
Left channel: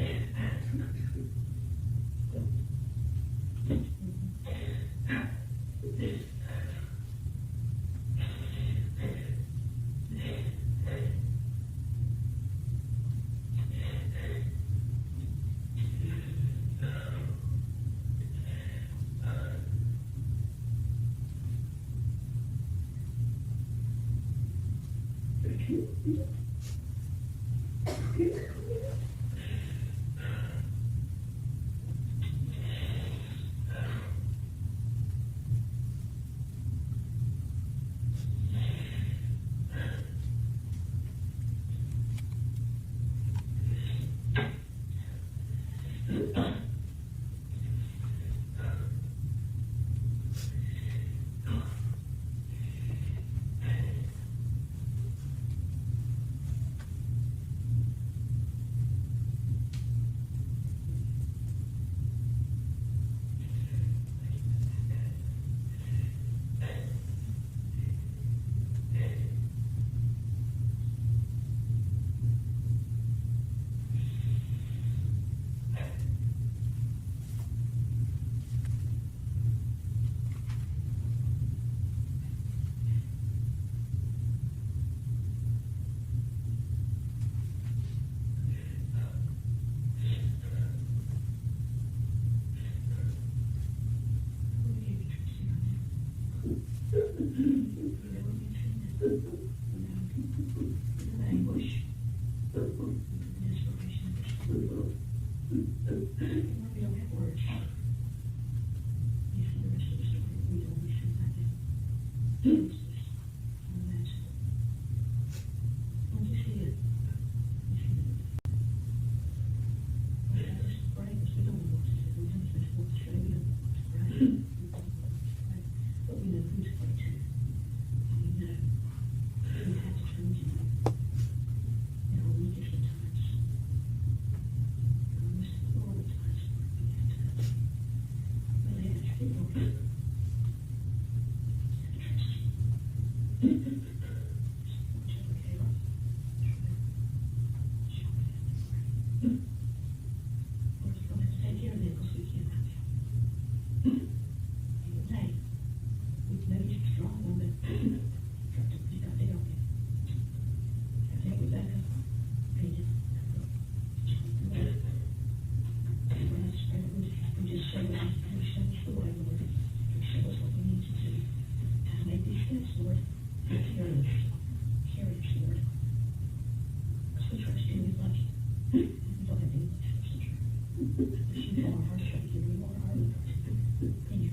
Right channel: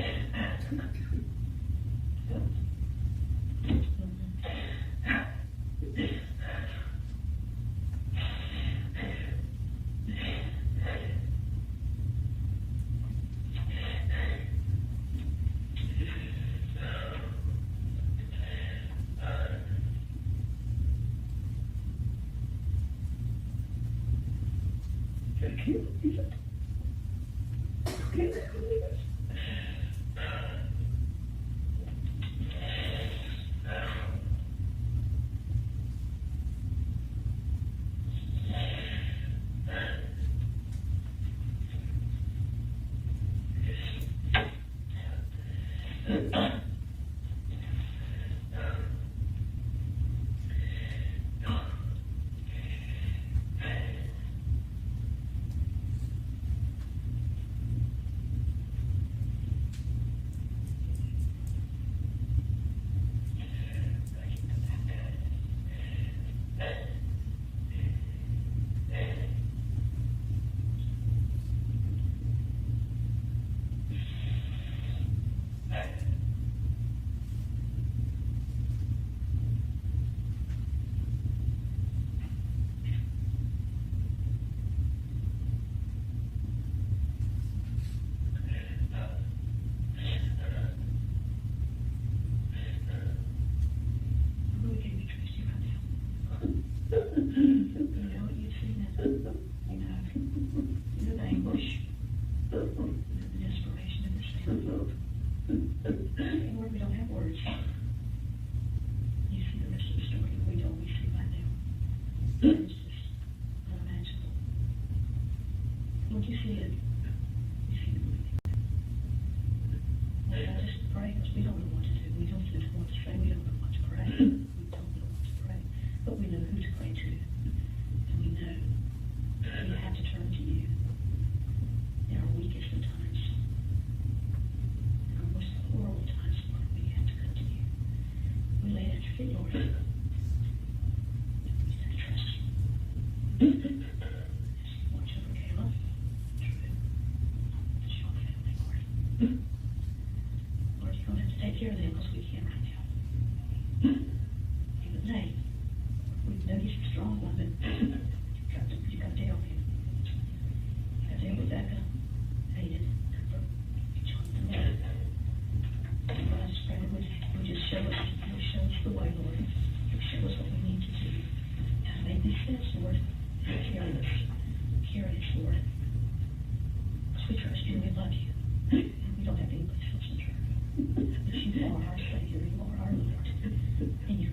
And you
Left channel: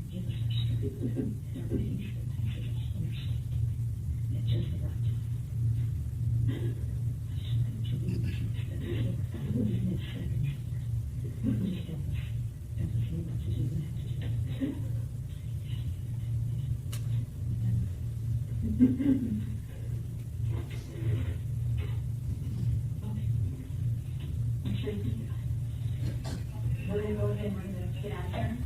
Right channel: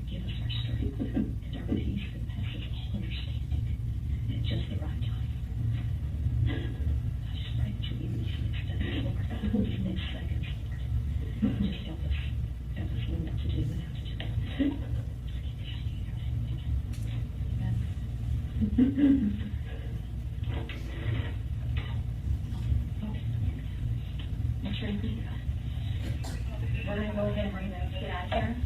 Tracy, we're gonna go ahead and we're gonna get out of here.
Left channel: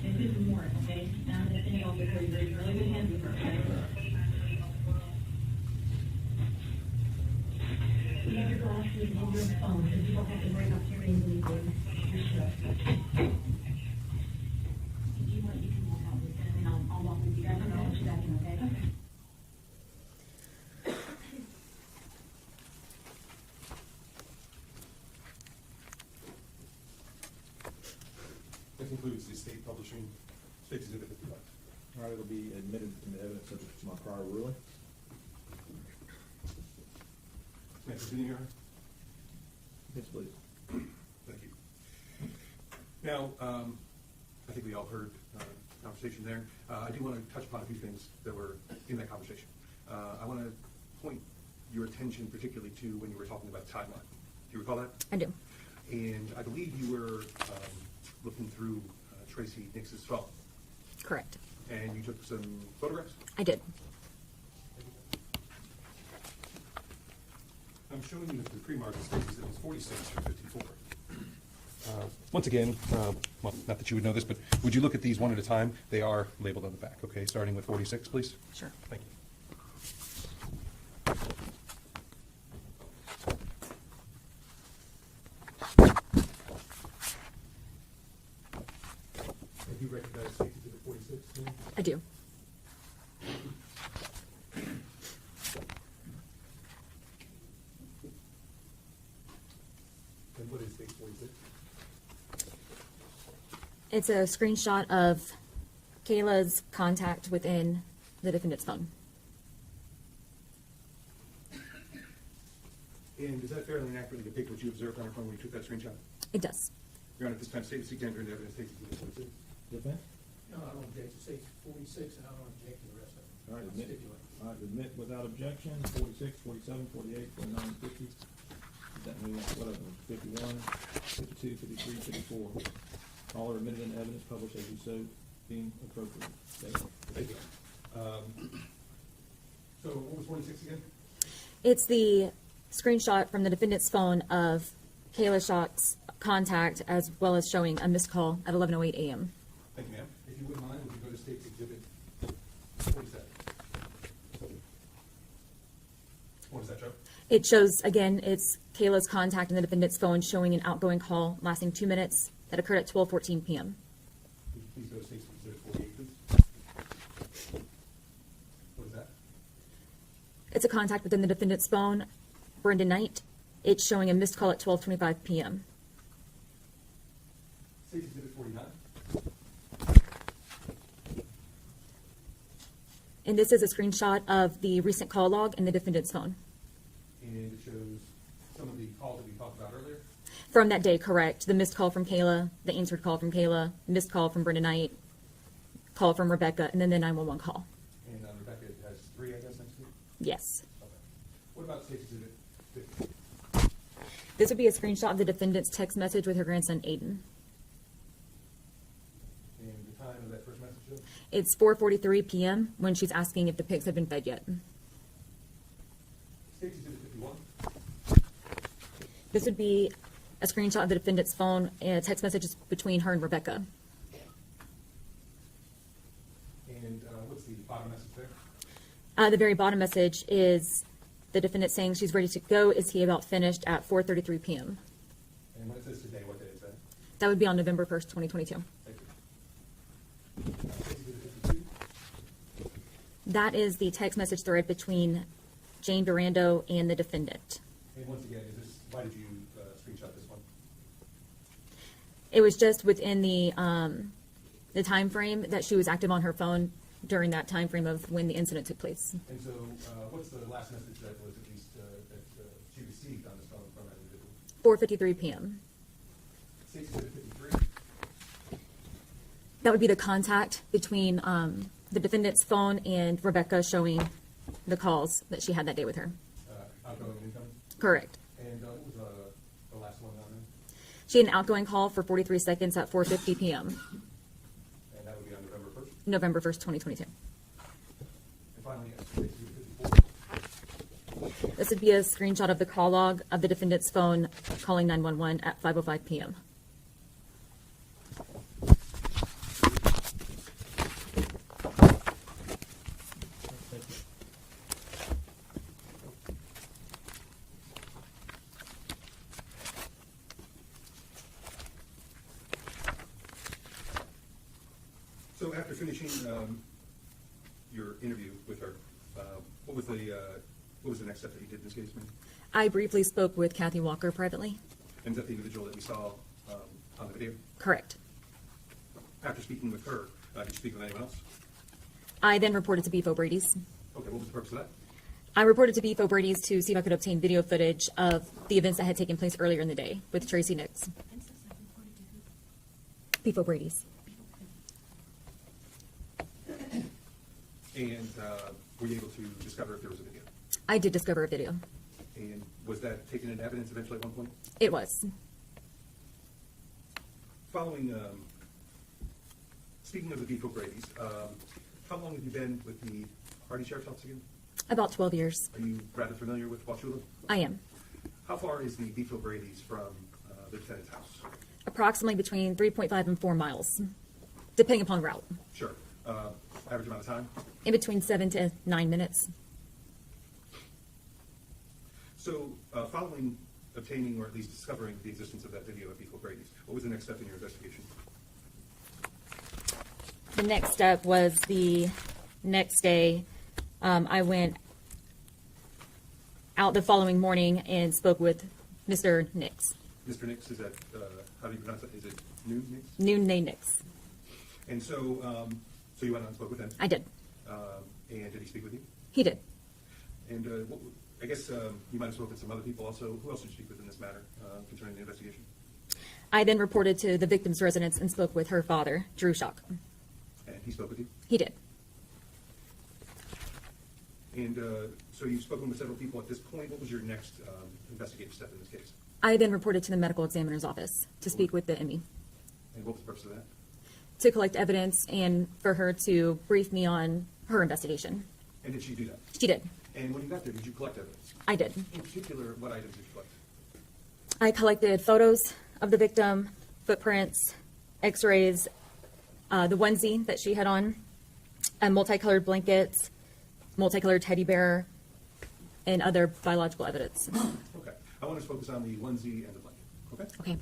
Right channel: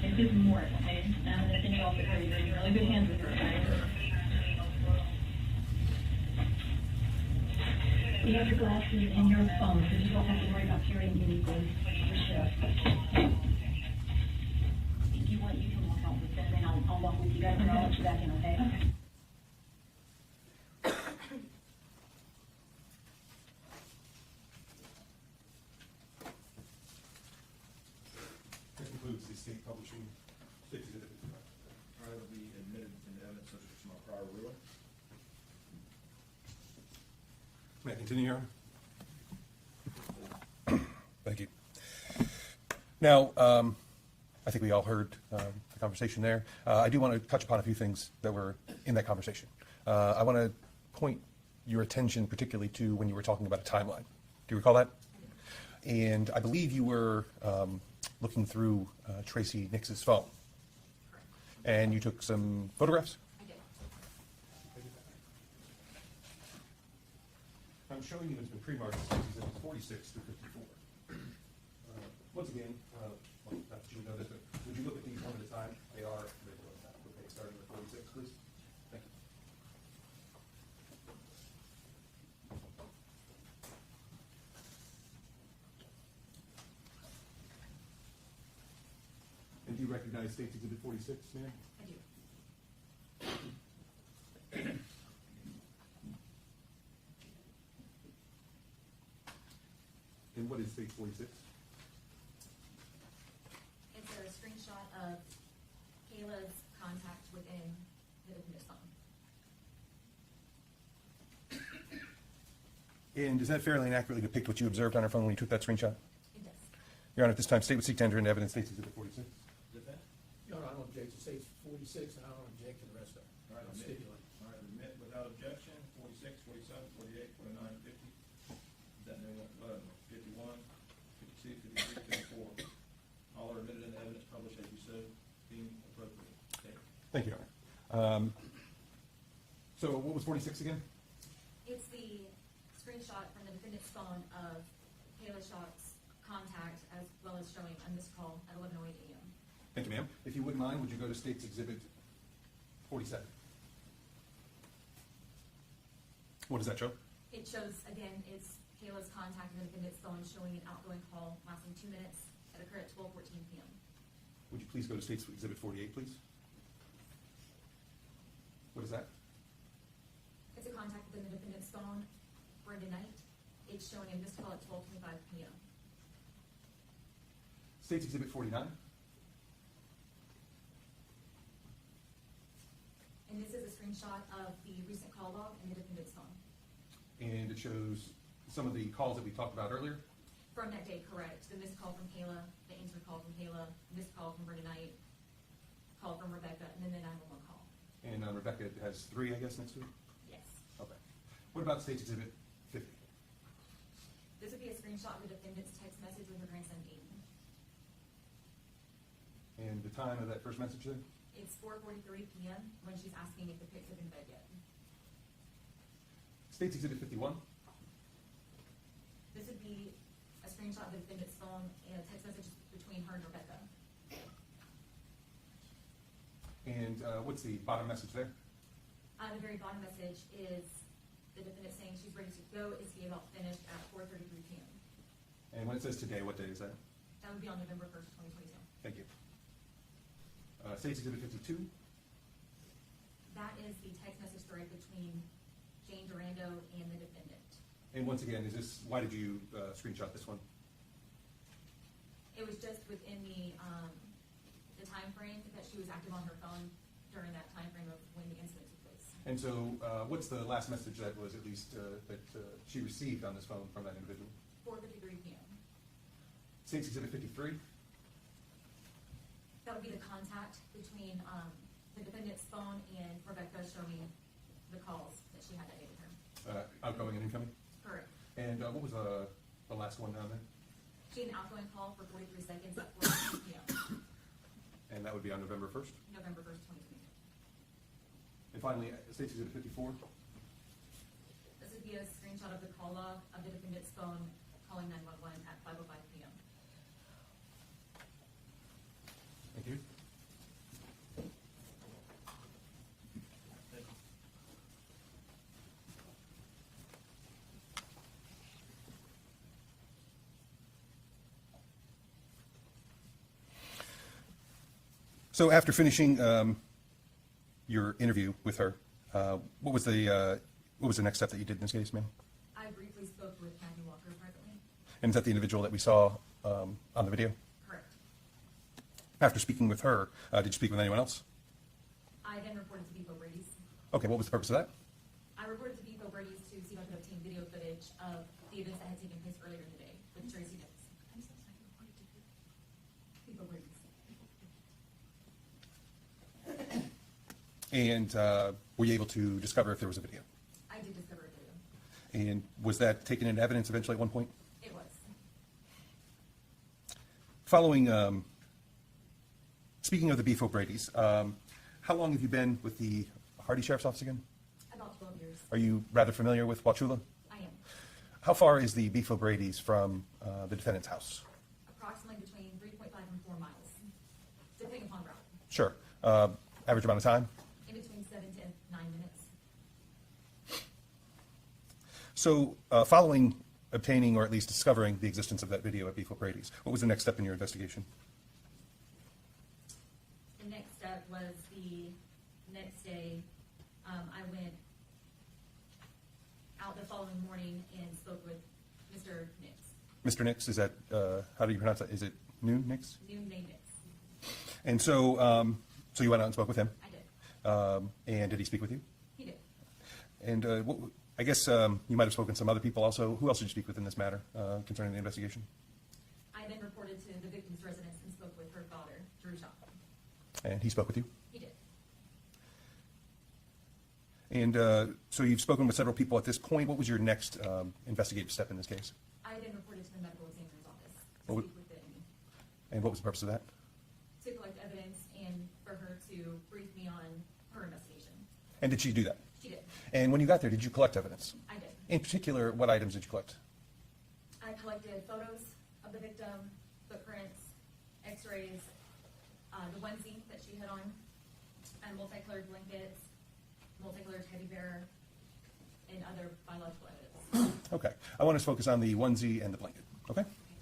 This is more, okay? I'm gonna send you off to her. You're in really good hands with her, okay? You have your glasses and your phone, because you don't have to worry about carrying anything for sure. If you want, you can walk out with them, and I'll walk with you guys, and I'll let you back in, okay? Okay. That concludes the state publishing, state exhibit 51. All right, it'll be admitted into evidence subject to my prior ruling. May I continue, Your Honor? Yes, please. Thank you. Now, I think we all heard the conversation there. I do want to touch upon a few things that were in that conversation. I want to point your attention particularly to when you were talking about a timeline. Do you recall that? I do. And I believe you were looking through Tracy Nick's phone, Correct. and you took some photographs? I did. I'm showing you the pre-marked spaces. It was 46 through 54. Once again, well, not that you would know this, but would you look at these one at a time? They are labeled on the back, okay? Starting with 46, please. Sure. Thank you. And you recognize State's Exhibit 46, ma'am? I do. And what is State 46? It's a screenshot of Kayla's contact within the defendant's phone. And does that fairly and accurately depict what you observed on her phone when you took that screenshot? It does. Your Honor, at this time, State would seek to enter into evidence State's Exhibit 46. Defense? No, I don't object to say 46, and I don't object to the rest of it. All right, I'll admit. stipulate. All right, admit without objection, 46, 47, 48, 49, 50. That means that's what, 51, 52, 53, 54. All are admitted in evidence published as you so deem appropriate. Okay. Thank you. So what was 46 again? It's the screenshot from the defendant's phone of Kayla Schock's contact, as well as showing a missed call at 11:08 a.m. Thank you, ma'am. If you wouldn't mind, would you go to State's Exhibit 47? What does that show? It shows, again, it's Kayla's contact in the defendant's phone showing an outgoing call lasting 2 minutes that occurred at 12:14 p.m. Would you please go to State's Exhibit 48, please? What is that? It's a contact within the defendant's phone, Brenda Knight. It's showing a missed call at 12:25 p.m. State's Exhibit 49? And this is a screenshot of the recent call log in the defendant's phone. And it shows some of the calls that we talked about earlier. From that day, correct. The missed call from Kayla, the answered call from Kayla, missed call from Brenda Knight, call from Rebecca, and then the 911 call. And Rebecca has 3, I guess, next to it? Yes. Okay. What about State's Exhibit 50? This would be a screenshot of the defendant's text message with her grandson, Aiden. And the time of that first message then? It's 4:43 p.m. when she's asking if the pigs have been fed yet. State's Exhibit 51? This would be a screenshot of the defendant's phone and text messages between her and Rebecca. And what's the bottom message there? The very bottom message is the defendant saying she's ready to go. Is he about finished at 4:33 p.m.? And when it says today, what day is that? That would be on November 1st, 2022. Thank you. State's Exhibit 52? That is the text message thread between Jane Durando and the defendant. And once again, why did you screenshot this one? It was just within the time frame that she was active on her phone during that time frame of when the incident took place. And so what's the last message that was at least that she received on this phone from that individual? 4:53 p.m. State's Exhibit 53? That would be the contact between the defendant's phone and Rebecca, showing the calls that she had that day with her. Outgoing and incoming? Correct. And what was the last one down there? She had an outgoing call for 43 seconds at 4:50 p.m., And that would be on November 1st? November 1st, 2022. And finally, Stacey Exhibit 54. This would be a screenshot of the call log of the defendant's phone calling 911 at 5:05 p.m. So after finishing your interview with her, what was the next step that you did in this case, ma'am? I briefly spoke with Kathy Walker privately. And is that the individual that we saw on the video? Correct. After speaking with her, did you speak with anyone else? I then reported to Beef O'Brady's. Okay, what was the purpose of that? I reported to Beef O'Brady's to see if I could obtain video footage of the events that had taken place earlier in the day with Tracy Nick. Beef O'Brady's. And were you able to discover if there was a video? I did discover a video. And was that taken into evidence eventually at one point? It was. Following, speaking of the Beef O'Brady's, how long have you been with the Hardy Sheriff's Office again? About 12 years. Are you rather familiar with Wauchula? I am. How far is the Beef O'Brady's from the defendant's house? Approximately between 3.5 and 4 miles, depending upon route. Sure. Average amount of time? In between 7 to 9 minutes. So, following obtaining or at least discovering the existence of that video at Beef O'Brady's, what was the next step in your investigation? The next step was the next day. I went out the following morning and spoke with Mr. Nix. Mr. Nix, is that, how do you pronounce that? Is it Noon Nix? Noonday Nix. And so, so you went out and spoke with him? I did. And did he speak with you? He did. And I guess you might have spoken to some other people also. Who else did you speak with in this matter concerning the investigation? I then reported to the victim's residence and spoke with her father, Drew Shock. And he spoke with you? He did. And so you've spoken with several people at this point. What was your next investigative step in this case? I then reported to the medical examiner's office to speak with the ME. And what was the purpose of that? To collect evidence and for her to brief me on her investigation. And did she do that? She did. And when you got there, did you collect evidence? I did. In particular, what items did you collect? I collected photos of the victim, footprints, x-rays, the onesie that she had on, multicolored blankets, multicolored teddy bear, and other biological evidence. Okay. I want to focus on the onesie and the blanket. Okay? Okay.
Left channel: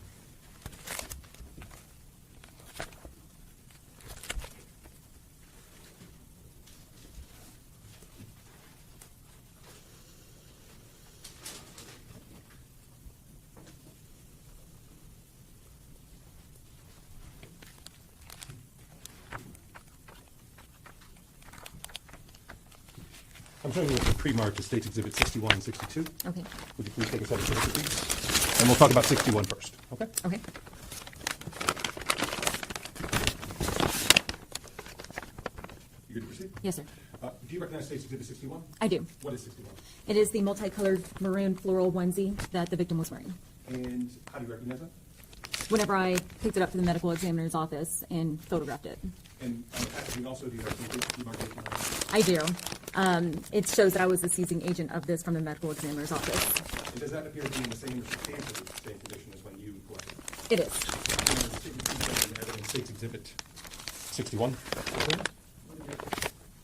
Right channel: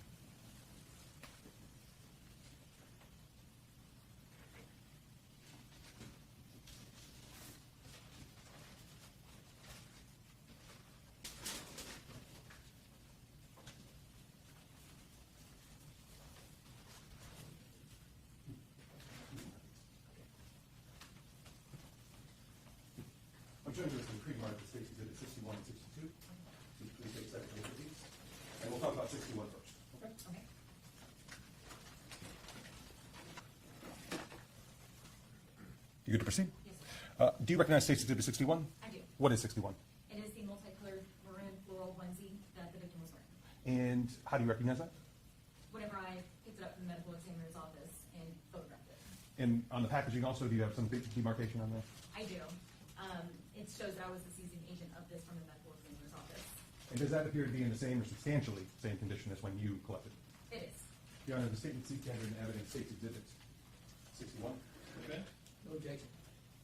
I'm showing you the pre-marked States Exhibit 61 and 62. Okay. Would you please take a second to look at these? And we'll talk about 61 first. Okay? Okay. You good to proceed? Yes, sir. Do you recognize States Exhibit 61? I do. What is 61? It is the multicolored maroon floral onesie that the victim was wearing. And how do you recognize that? Whenever I picked it up to the medical examiner's office and photographed it. And on the packaging also, do you have some demarcation on it? I do. It shows that I was the seizing agent of this from the medical examiner's office. And does that appear to be in the same or substantially same condition as when you collected it? It is. The statement detailed in evidence States Exhibit 61. Okay.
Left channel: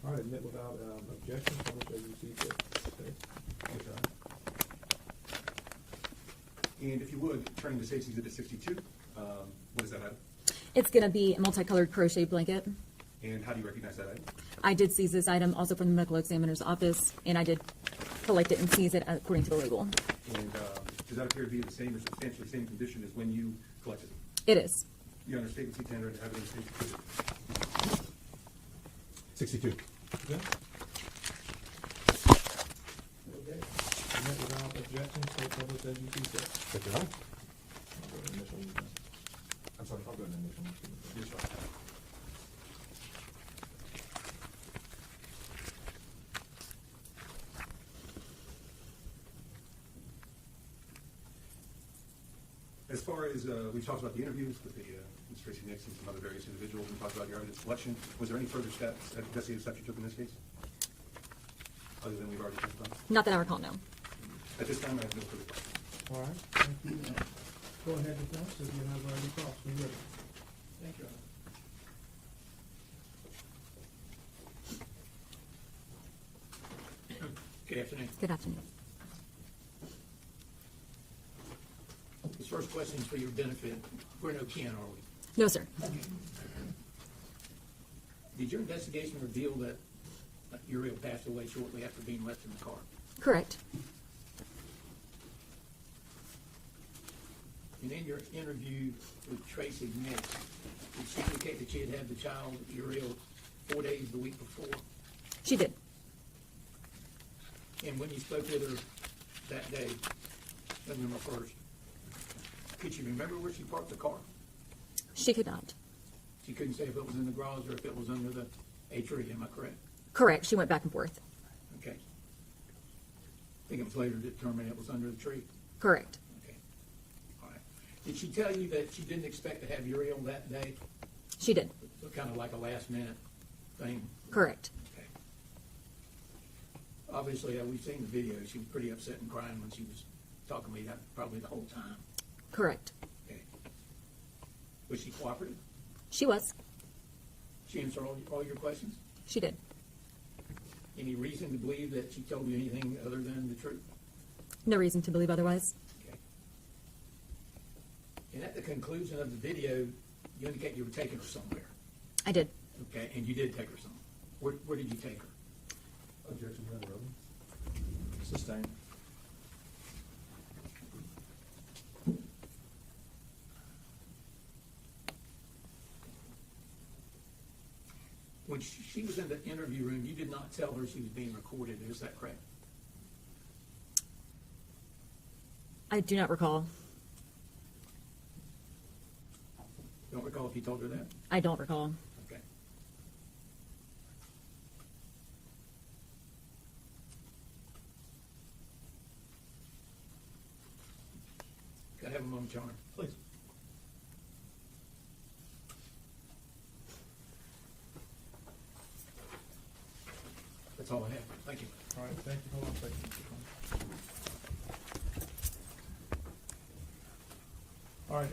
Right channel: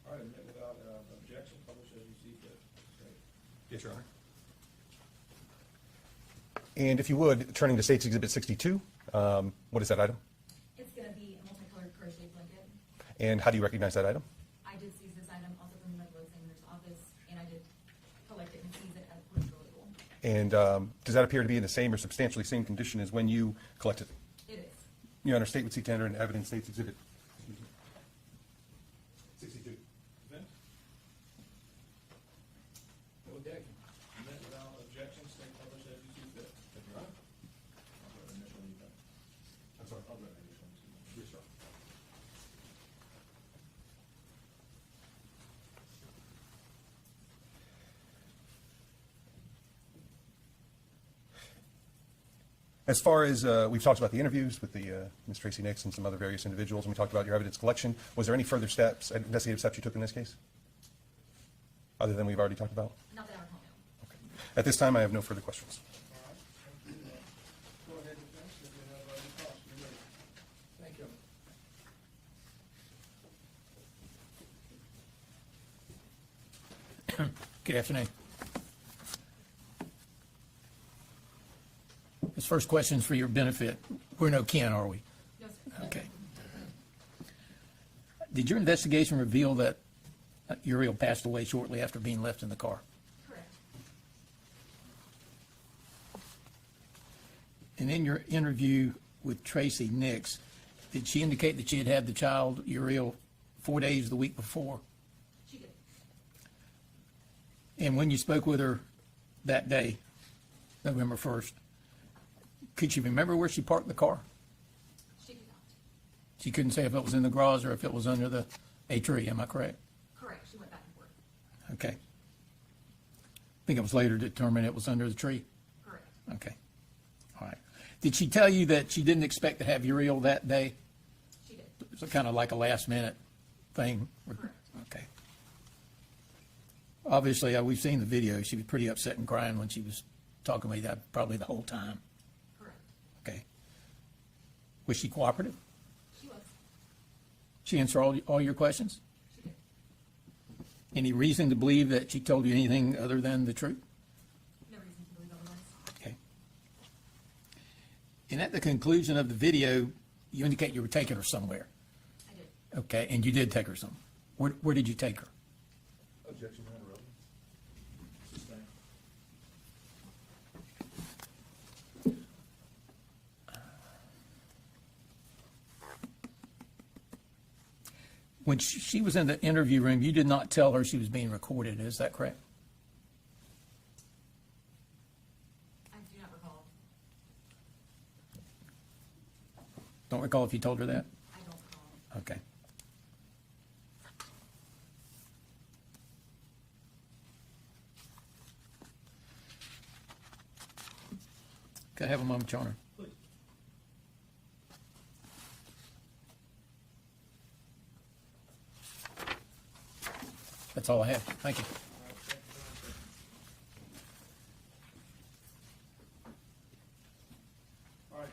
All right, admit without objection, publish as you see fit. Okay. Yes, Your Honor. And if you would, turning to States Exhibit 62, what is that item? It's going to be a multicolored crochet blanket. And how do you recognize that item? I did seize this item also from the medical examiner's office, and I did collect it and seize it according to the label. And does that appear to be in the same or substantially same condition as when you collected it? It is. Your Honor, statement C tender and evidence States Exhibit 62. Okay. Okay. Admit without objection, so publish as you see fit. Thank you, Your Honor. I'll go ahead and initial. I'm sorry, I'll go ahead and initial. Yes, Your Honor. As far as, we've talked about the interviews with the Ms. Tracy Nick and some other various individuals, and we talked about your evidence collection. Was there any further steps, investigative steps you took in this case? Other than we've already talked about? Not that I recall, no. At this time, I have no further questions. All right, thank you. Go ahead, defense, if you have any thoughts, when you're ready. Thank you. Good afternoon. Good afternoon. This first question's for your benefit. We're no kin, are we? No, sir. Okay. Did your investigation reveal that Uriel passed away shortly after being left in the car? Correct. And in your interview with Tracy Nick, did she indicate that she had had the child, Uriel, 4 days the week before? She did. And when you spoke with her that day, November 1st, could she remember where she parked the car? She could not. She couldn't say if it was in the garage or if it was under a tree, am I correct? Correct. She went back and forth. Okay. I think it was later determined it was under the tree. Correct. Okay. All right. Did she tell you that she didn't expect to have Uriel that day? She did. So kind of like a last minute thing? Correct. Okay. Obviously, we've seen the video. She was pretty upset and crying when she was talking about that probably the whole time. Correct. Okay. Was she cooperative? She was. She answered all your questions? She did. Any reason to believe that she told you anything other than the truth? No reason to believe otherwise. Okay. And at the conclusion of the video, you indicate you were taking her somewhere. I did. Okay, and you did take her somewhere. Where did you take her? Objection, Sustained. When she was in the interview room, you did not tell her she was being recorded. Is that correct? I do not recall. Don't recall if you told her that? I don't recall. Okay. Can I have a moment, Your Honor? Please. That's all I have. Thank you. All right, thank you very much. Thank you. All right,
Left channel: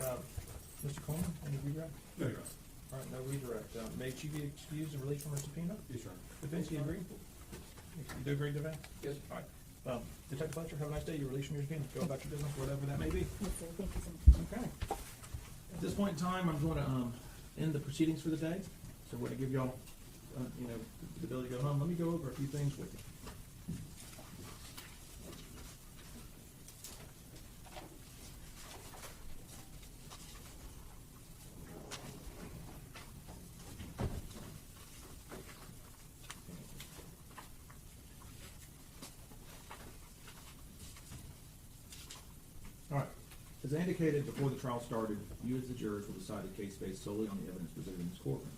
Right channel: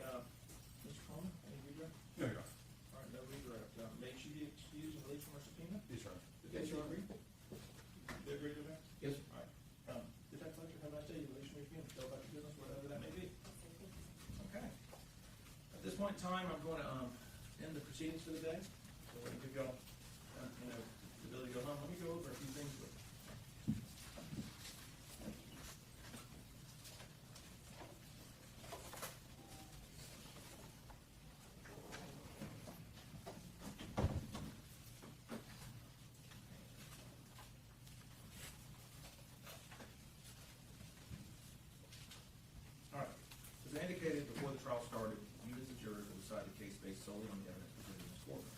Mr. Coleman, any redirect? No, Your Honor. All right, no redirect. May she be excused and released from her subpoena? Yes, Your Honor. Defense, you agree? You do agree, defense? Yes. All right. Detective Fletcher, have a nice day. You're released from your subpoena. Go about your business, whatever that may be. Okay. At this point in time, I'm going to end the proceedings for the day. So we're going to give y'all, the ability to go home. Let me go over a few things with you. All right. As I indicated before the trial started, you as the jurors will decide the case based solely on the evidence presented in this courtroom.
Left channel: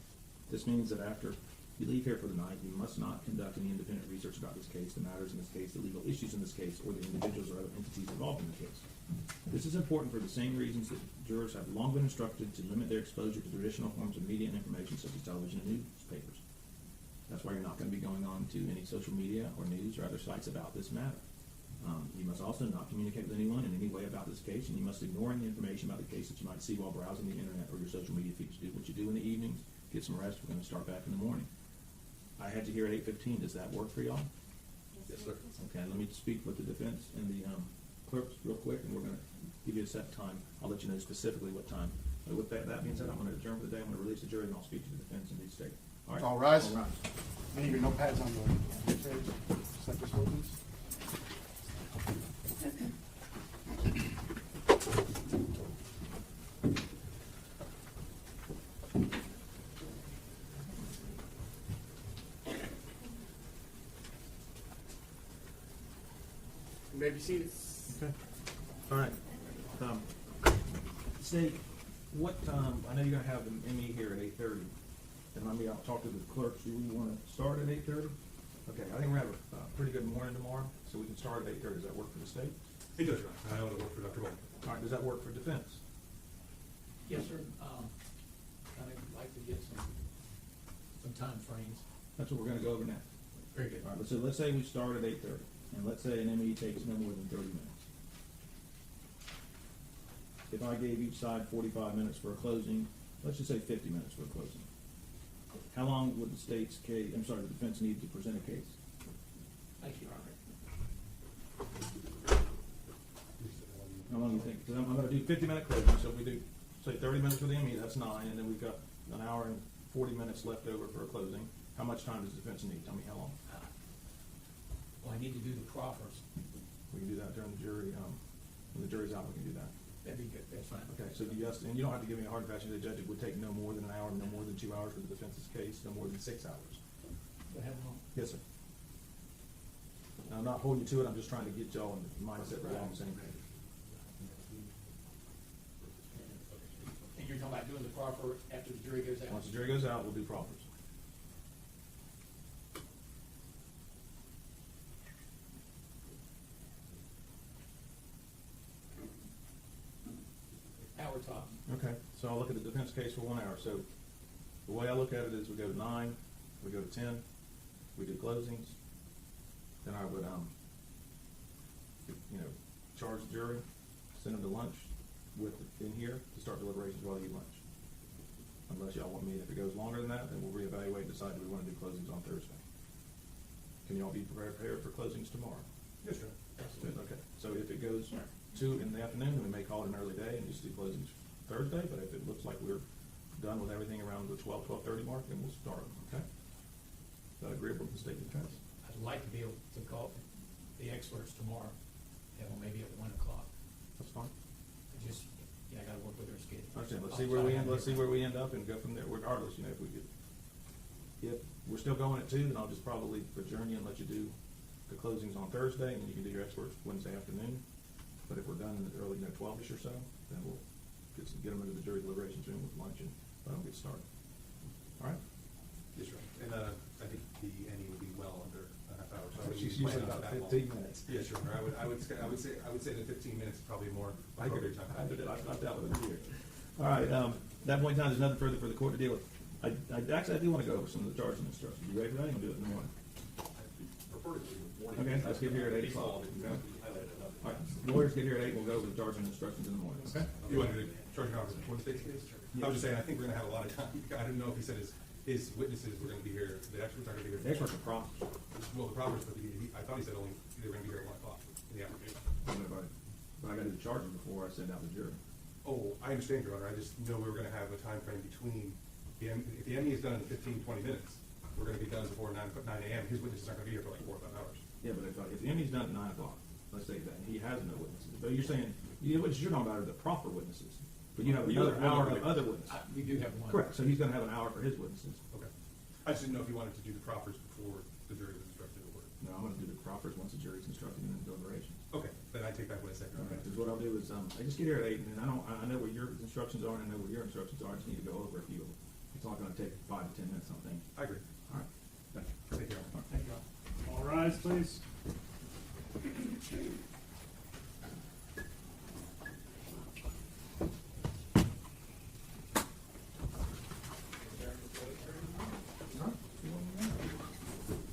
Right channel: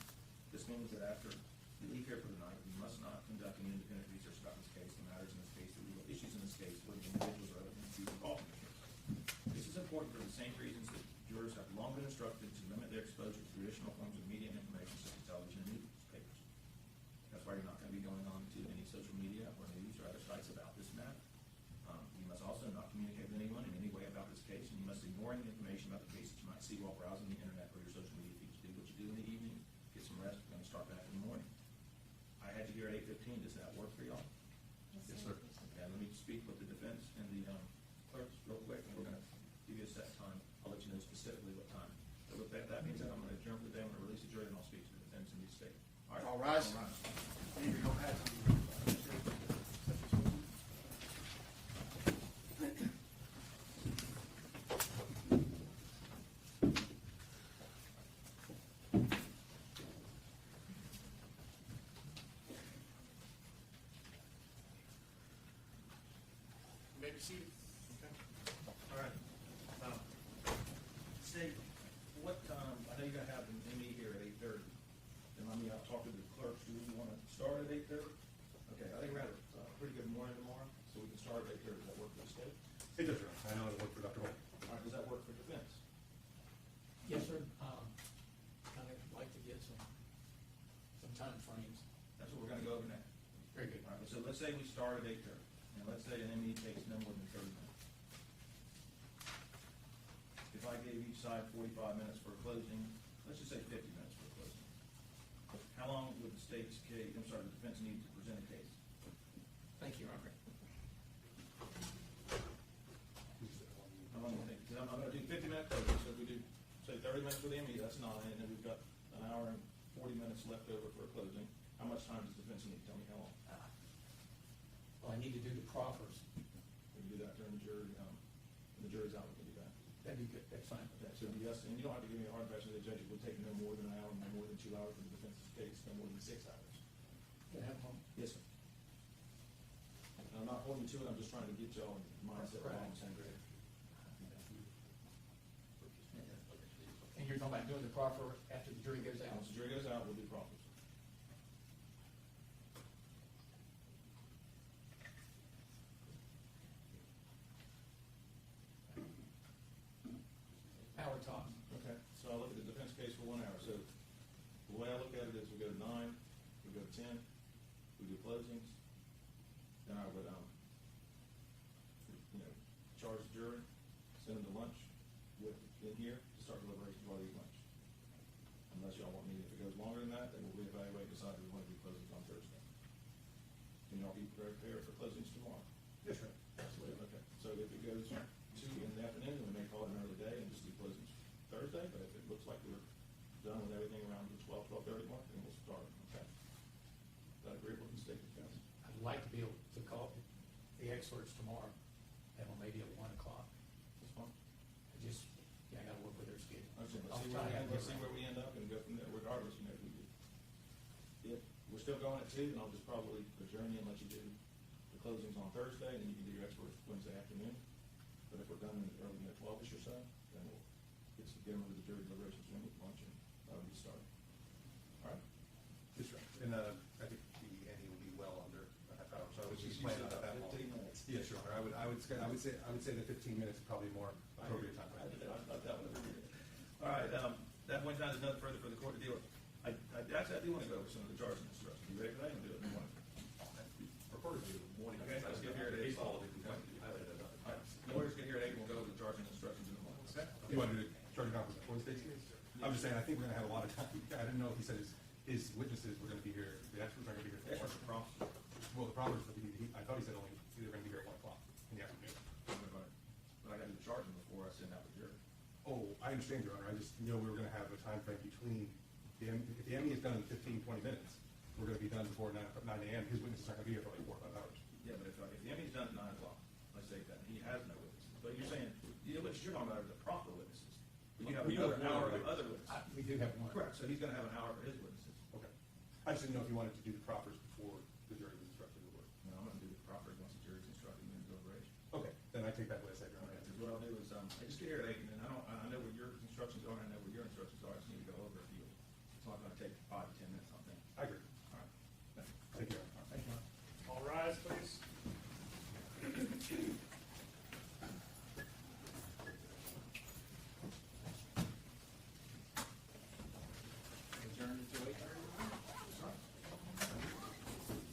This means that after you leave here for the night, you must not conduct any independent research about this case, the matters in this case, the legal issues in this case, or the individuals or other entities involved in the case. This is important for the same reasons that jurors have long been instructed to limit their exposure to traditional forms of media and information such as television and newspapers. That's why you're not going to be going on to any social media or news or other sites about this matter. You must also not communicate with anyone in any way about this case, and you must ignore any information about the case that you might see while browsing the internet or your social media feeds. Do what you do in the evenings, get some rest. We're going to start back in the morning. I had you here at 8:15. Does that work for y'all? Yes, sir. Okay, let me speak with the defense and the clerks real quick, and we're going to give you a set time. I'll let you know specifically what time. But with that being said, I'm going to adjourn for the day. I'm going to release the jury, and I'll speak to the defense and the state. All right. All rise. All rise. Leave your notepads on the stage. Set this ordinance. You may be seated. Okay. All right. State, what, I know you're gonna have an ME here at 8:30, and I'll talk to the clerks. Do you wanna start at 8:30? Okay, I think we're gonna have a pretty good morning tomorrow, so we can start at 8:30. Does that work for the state? It does, Your Honor. I know it'll work for Dr. Bowman. All right, does that work for defense? gonna go over now. Very good. All right, so let's say we start at 8:30, and let's say an ME takes no more than 30 minutes. If I gave each side 45 minutes for a closing, let's just say 50 minutes for a closing. How long would the the defense need to present a case? Thank you, Robert. How long do you think? 'Cause I'm gonna do 50-minute closing, so if we do, say 30 minutes for the ME, that's 9, and then we've got an hour and 40 minutes left over for a closing. How much time does the defense need? Tell me how long. Well, I need to do the proffers. We can do that during the jury, when the jury's out, we can do that. That'd be good, that's fine. Okay, so yes, and you don't have to give me a hard and fast, the judge, it would take no more than an hour, no more than 2 hours for the defense's case, no more than 6 hours. Yes, sir. I'm not holding you to it, I'm just trying to get y'all in the mindset right on the same page. And you're talking about doing the proffer after the jury goes out? Once the jury goes out, we'll do proffers. Hour tops. Okay, so I'll look at the defense case for 1 hour. So the way I look at it is we go to 9, we go to 10, we do closings. Then I would, charge the jury, send them to lunch in here to start deliberations while you eat lunch. Unless y'all want me, if it goes longer than that, then we'll reevaluate and decide do we want to do closings on Thursday. Can y'all be prepared for closings tomorrow? Yes, sir. Okay, so if it goes 2 in the afternoon, we may call it an early day and just do closings Thursday, but if it looks like we're done with everything around the 12:30 mark, then we'll start, okay? Is that agreeable to the state defense? I'd like to be able to call the experts tomorrow, have them maybe at 1 o'clock. That's fine. I gotta work with their schedule. Okay, let's see where we end up and go from there, regardless, if we're still going at 2, then I'll just probably adjourn you and let you do the closings on Thursday, and then you can do your experts Wednesday afternoon. But if we're done in the early, 12-ish or so, then we'll get them into the jury deliberations room with lunch and that'll get started. All right? Yes, sir. And I think the ending will be well under a half hour. So I would She's be usually planning about that long. 15 minutes. Yeah, sure. I would say the 15 minutes is probably more appropriate time. I've dealt with it here. All right, at that point in time, there's nothing further for the court to deal with. I do want to go over some of the charging instructions. You ready for that? You want to do it in the morning? Prefer to do morning. Okay, let's get here at 8 o'clock. All right, lawyers get here at 8, we'll go over the charging instructions in the morning. Okay. You want to do the charging conference before the state's case? I was just saying, I think we're gonna have a lot of time. I didn't know if he said his witnesses were gonna be here, the experts are gonna be here. The experts are prompts. Well, the proffers, but I thought he said only they were gonna be here at 1 o'clock in the afternoon. But I got to do the charging before I send out the jury. Oh, I understand, Your Honor. I just know we were gonna have a time frame between if the ME is done in 15, 20 minutes, we're gonna be done before 9 a.m. His witnesses aren't gonna be here for like 4 or 5 hours. Yeah, but if the MD's done at 9 o'clock, let's say that, and he has no witnesses, but you're saying, what you're talking about are the proper witnesses, but you have another hour of other witnesses. We do have one. Correct, so he's gonna have an hour for his witnesses. Okay. I just didn't know if you wanted to do the proffers before the jury was instructed or what. No, I'm gonna do the proffers once the jury's instructed and then the deliberations. Okay, then I take back what I said. Okay, because what I'll do is, I just get here at 8, and I know what your instructions are, and I know what your instructions are, I just need to go over a few of them. It's not gonna take 5 to 10 minutes, I think. I agree. All right. Thank you. Thank you. All rise, please.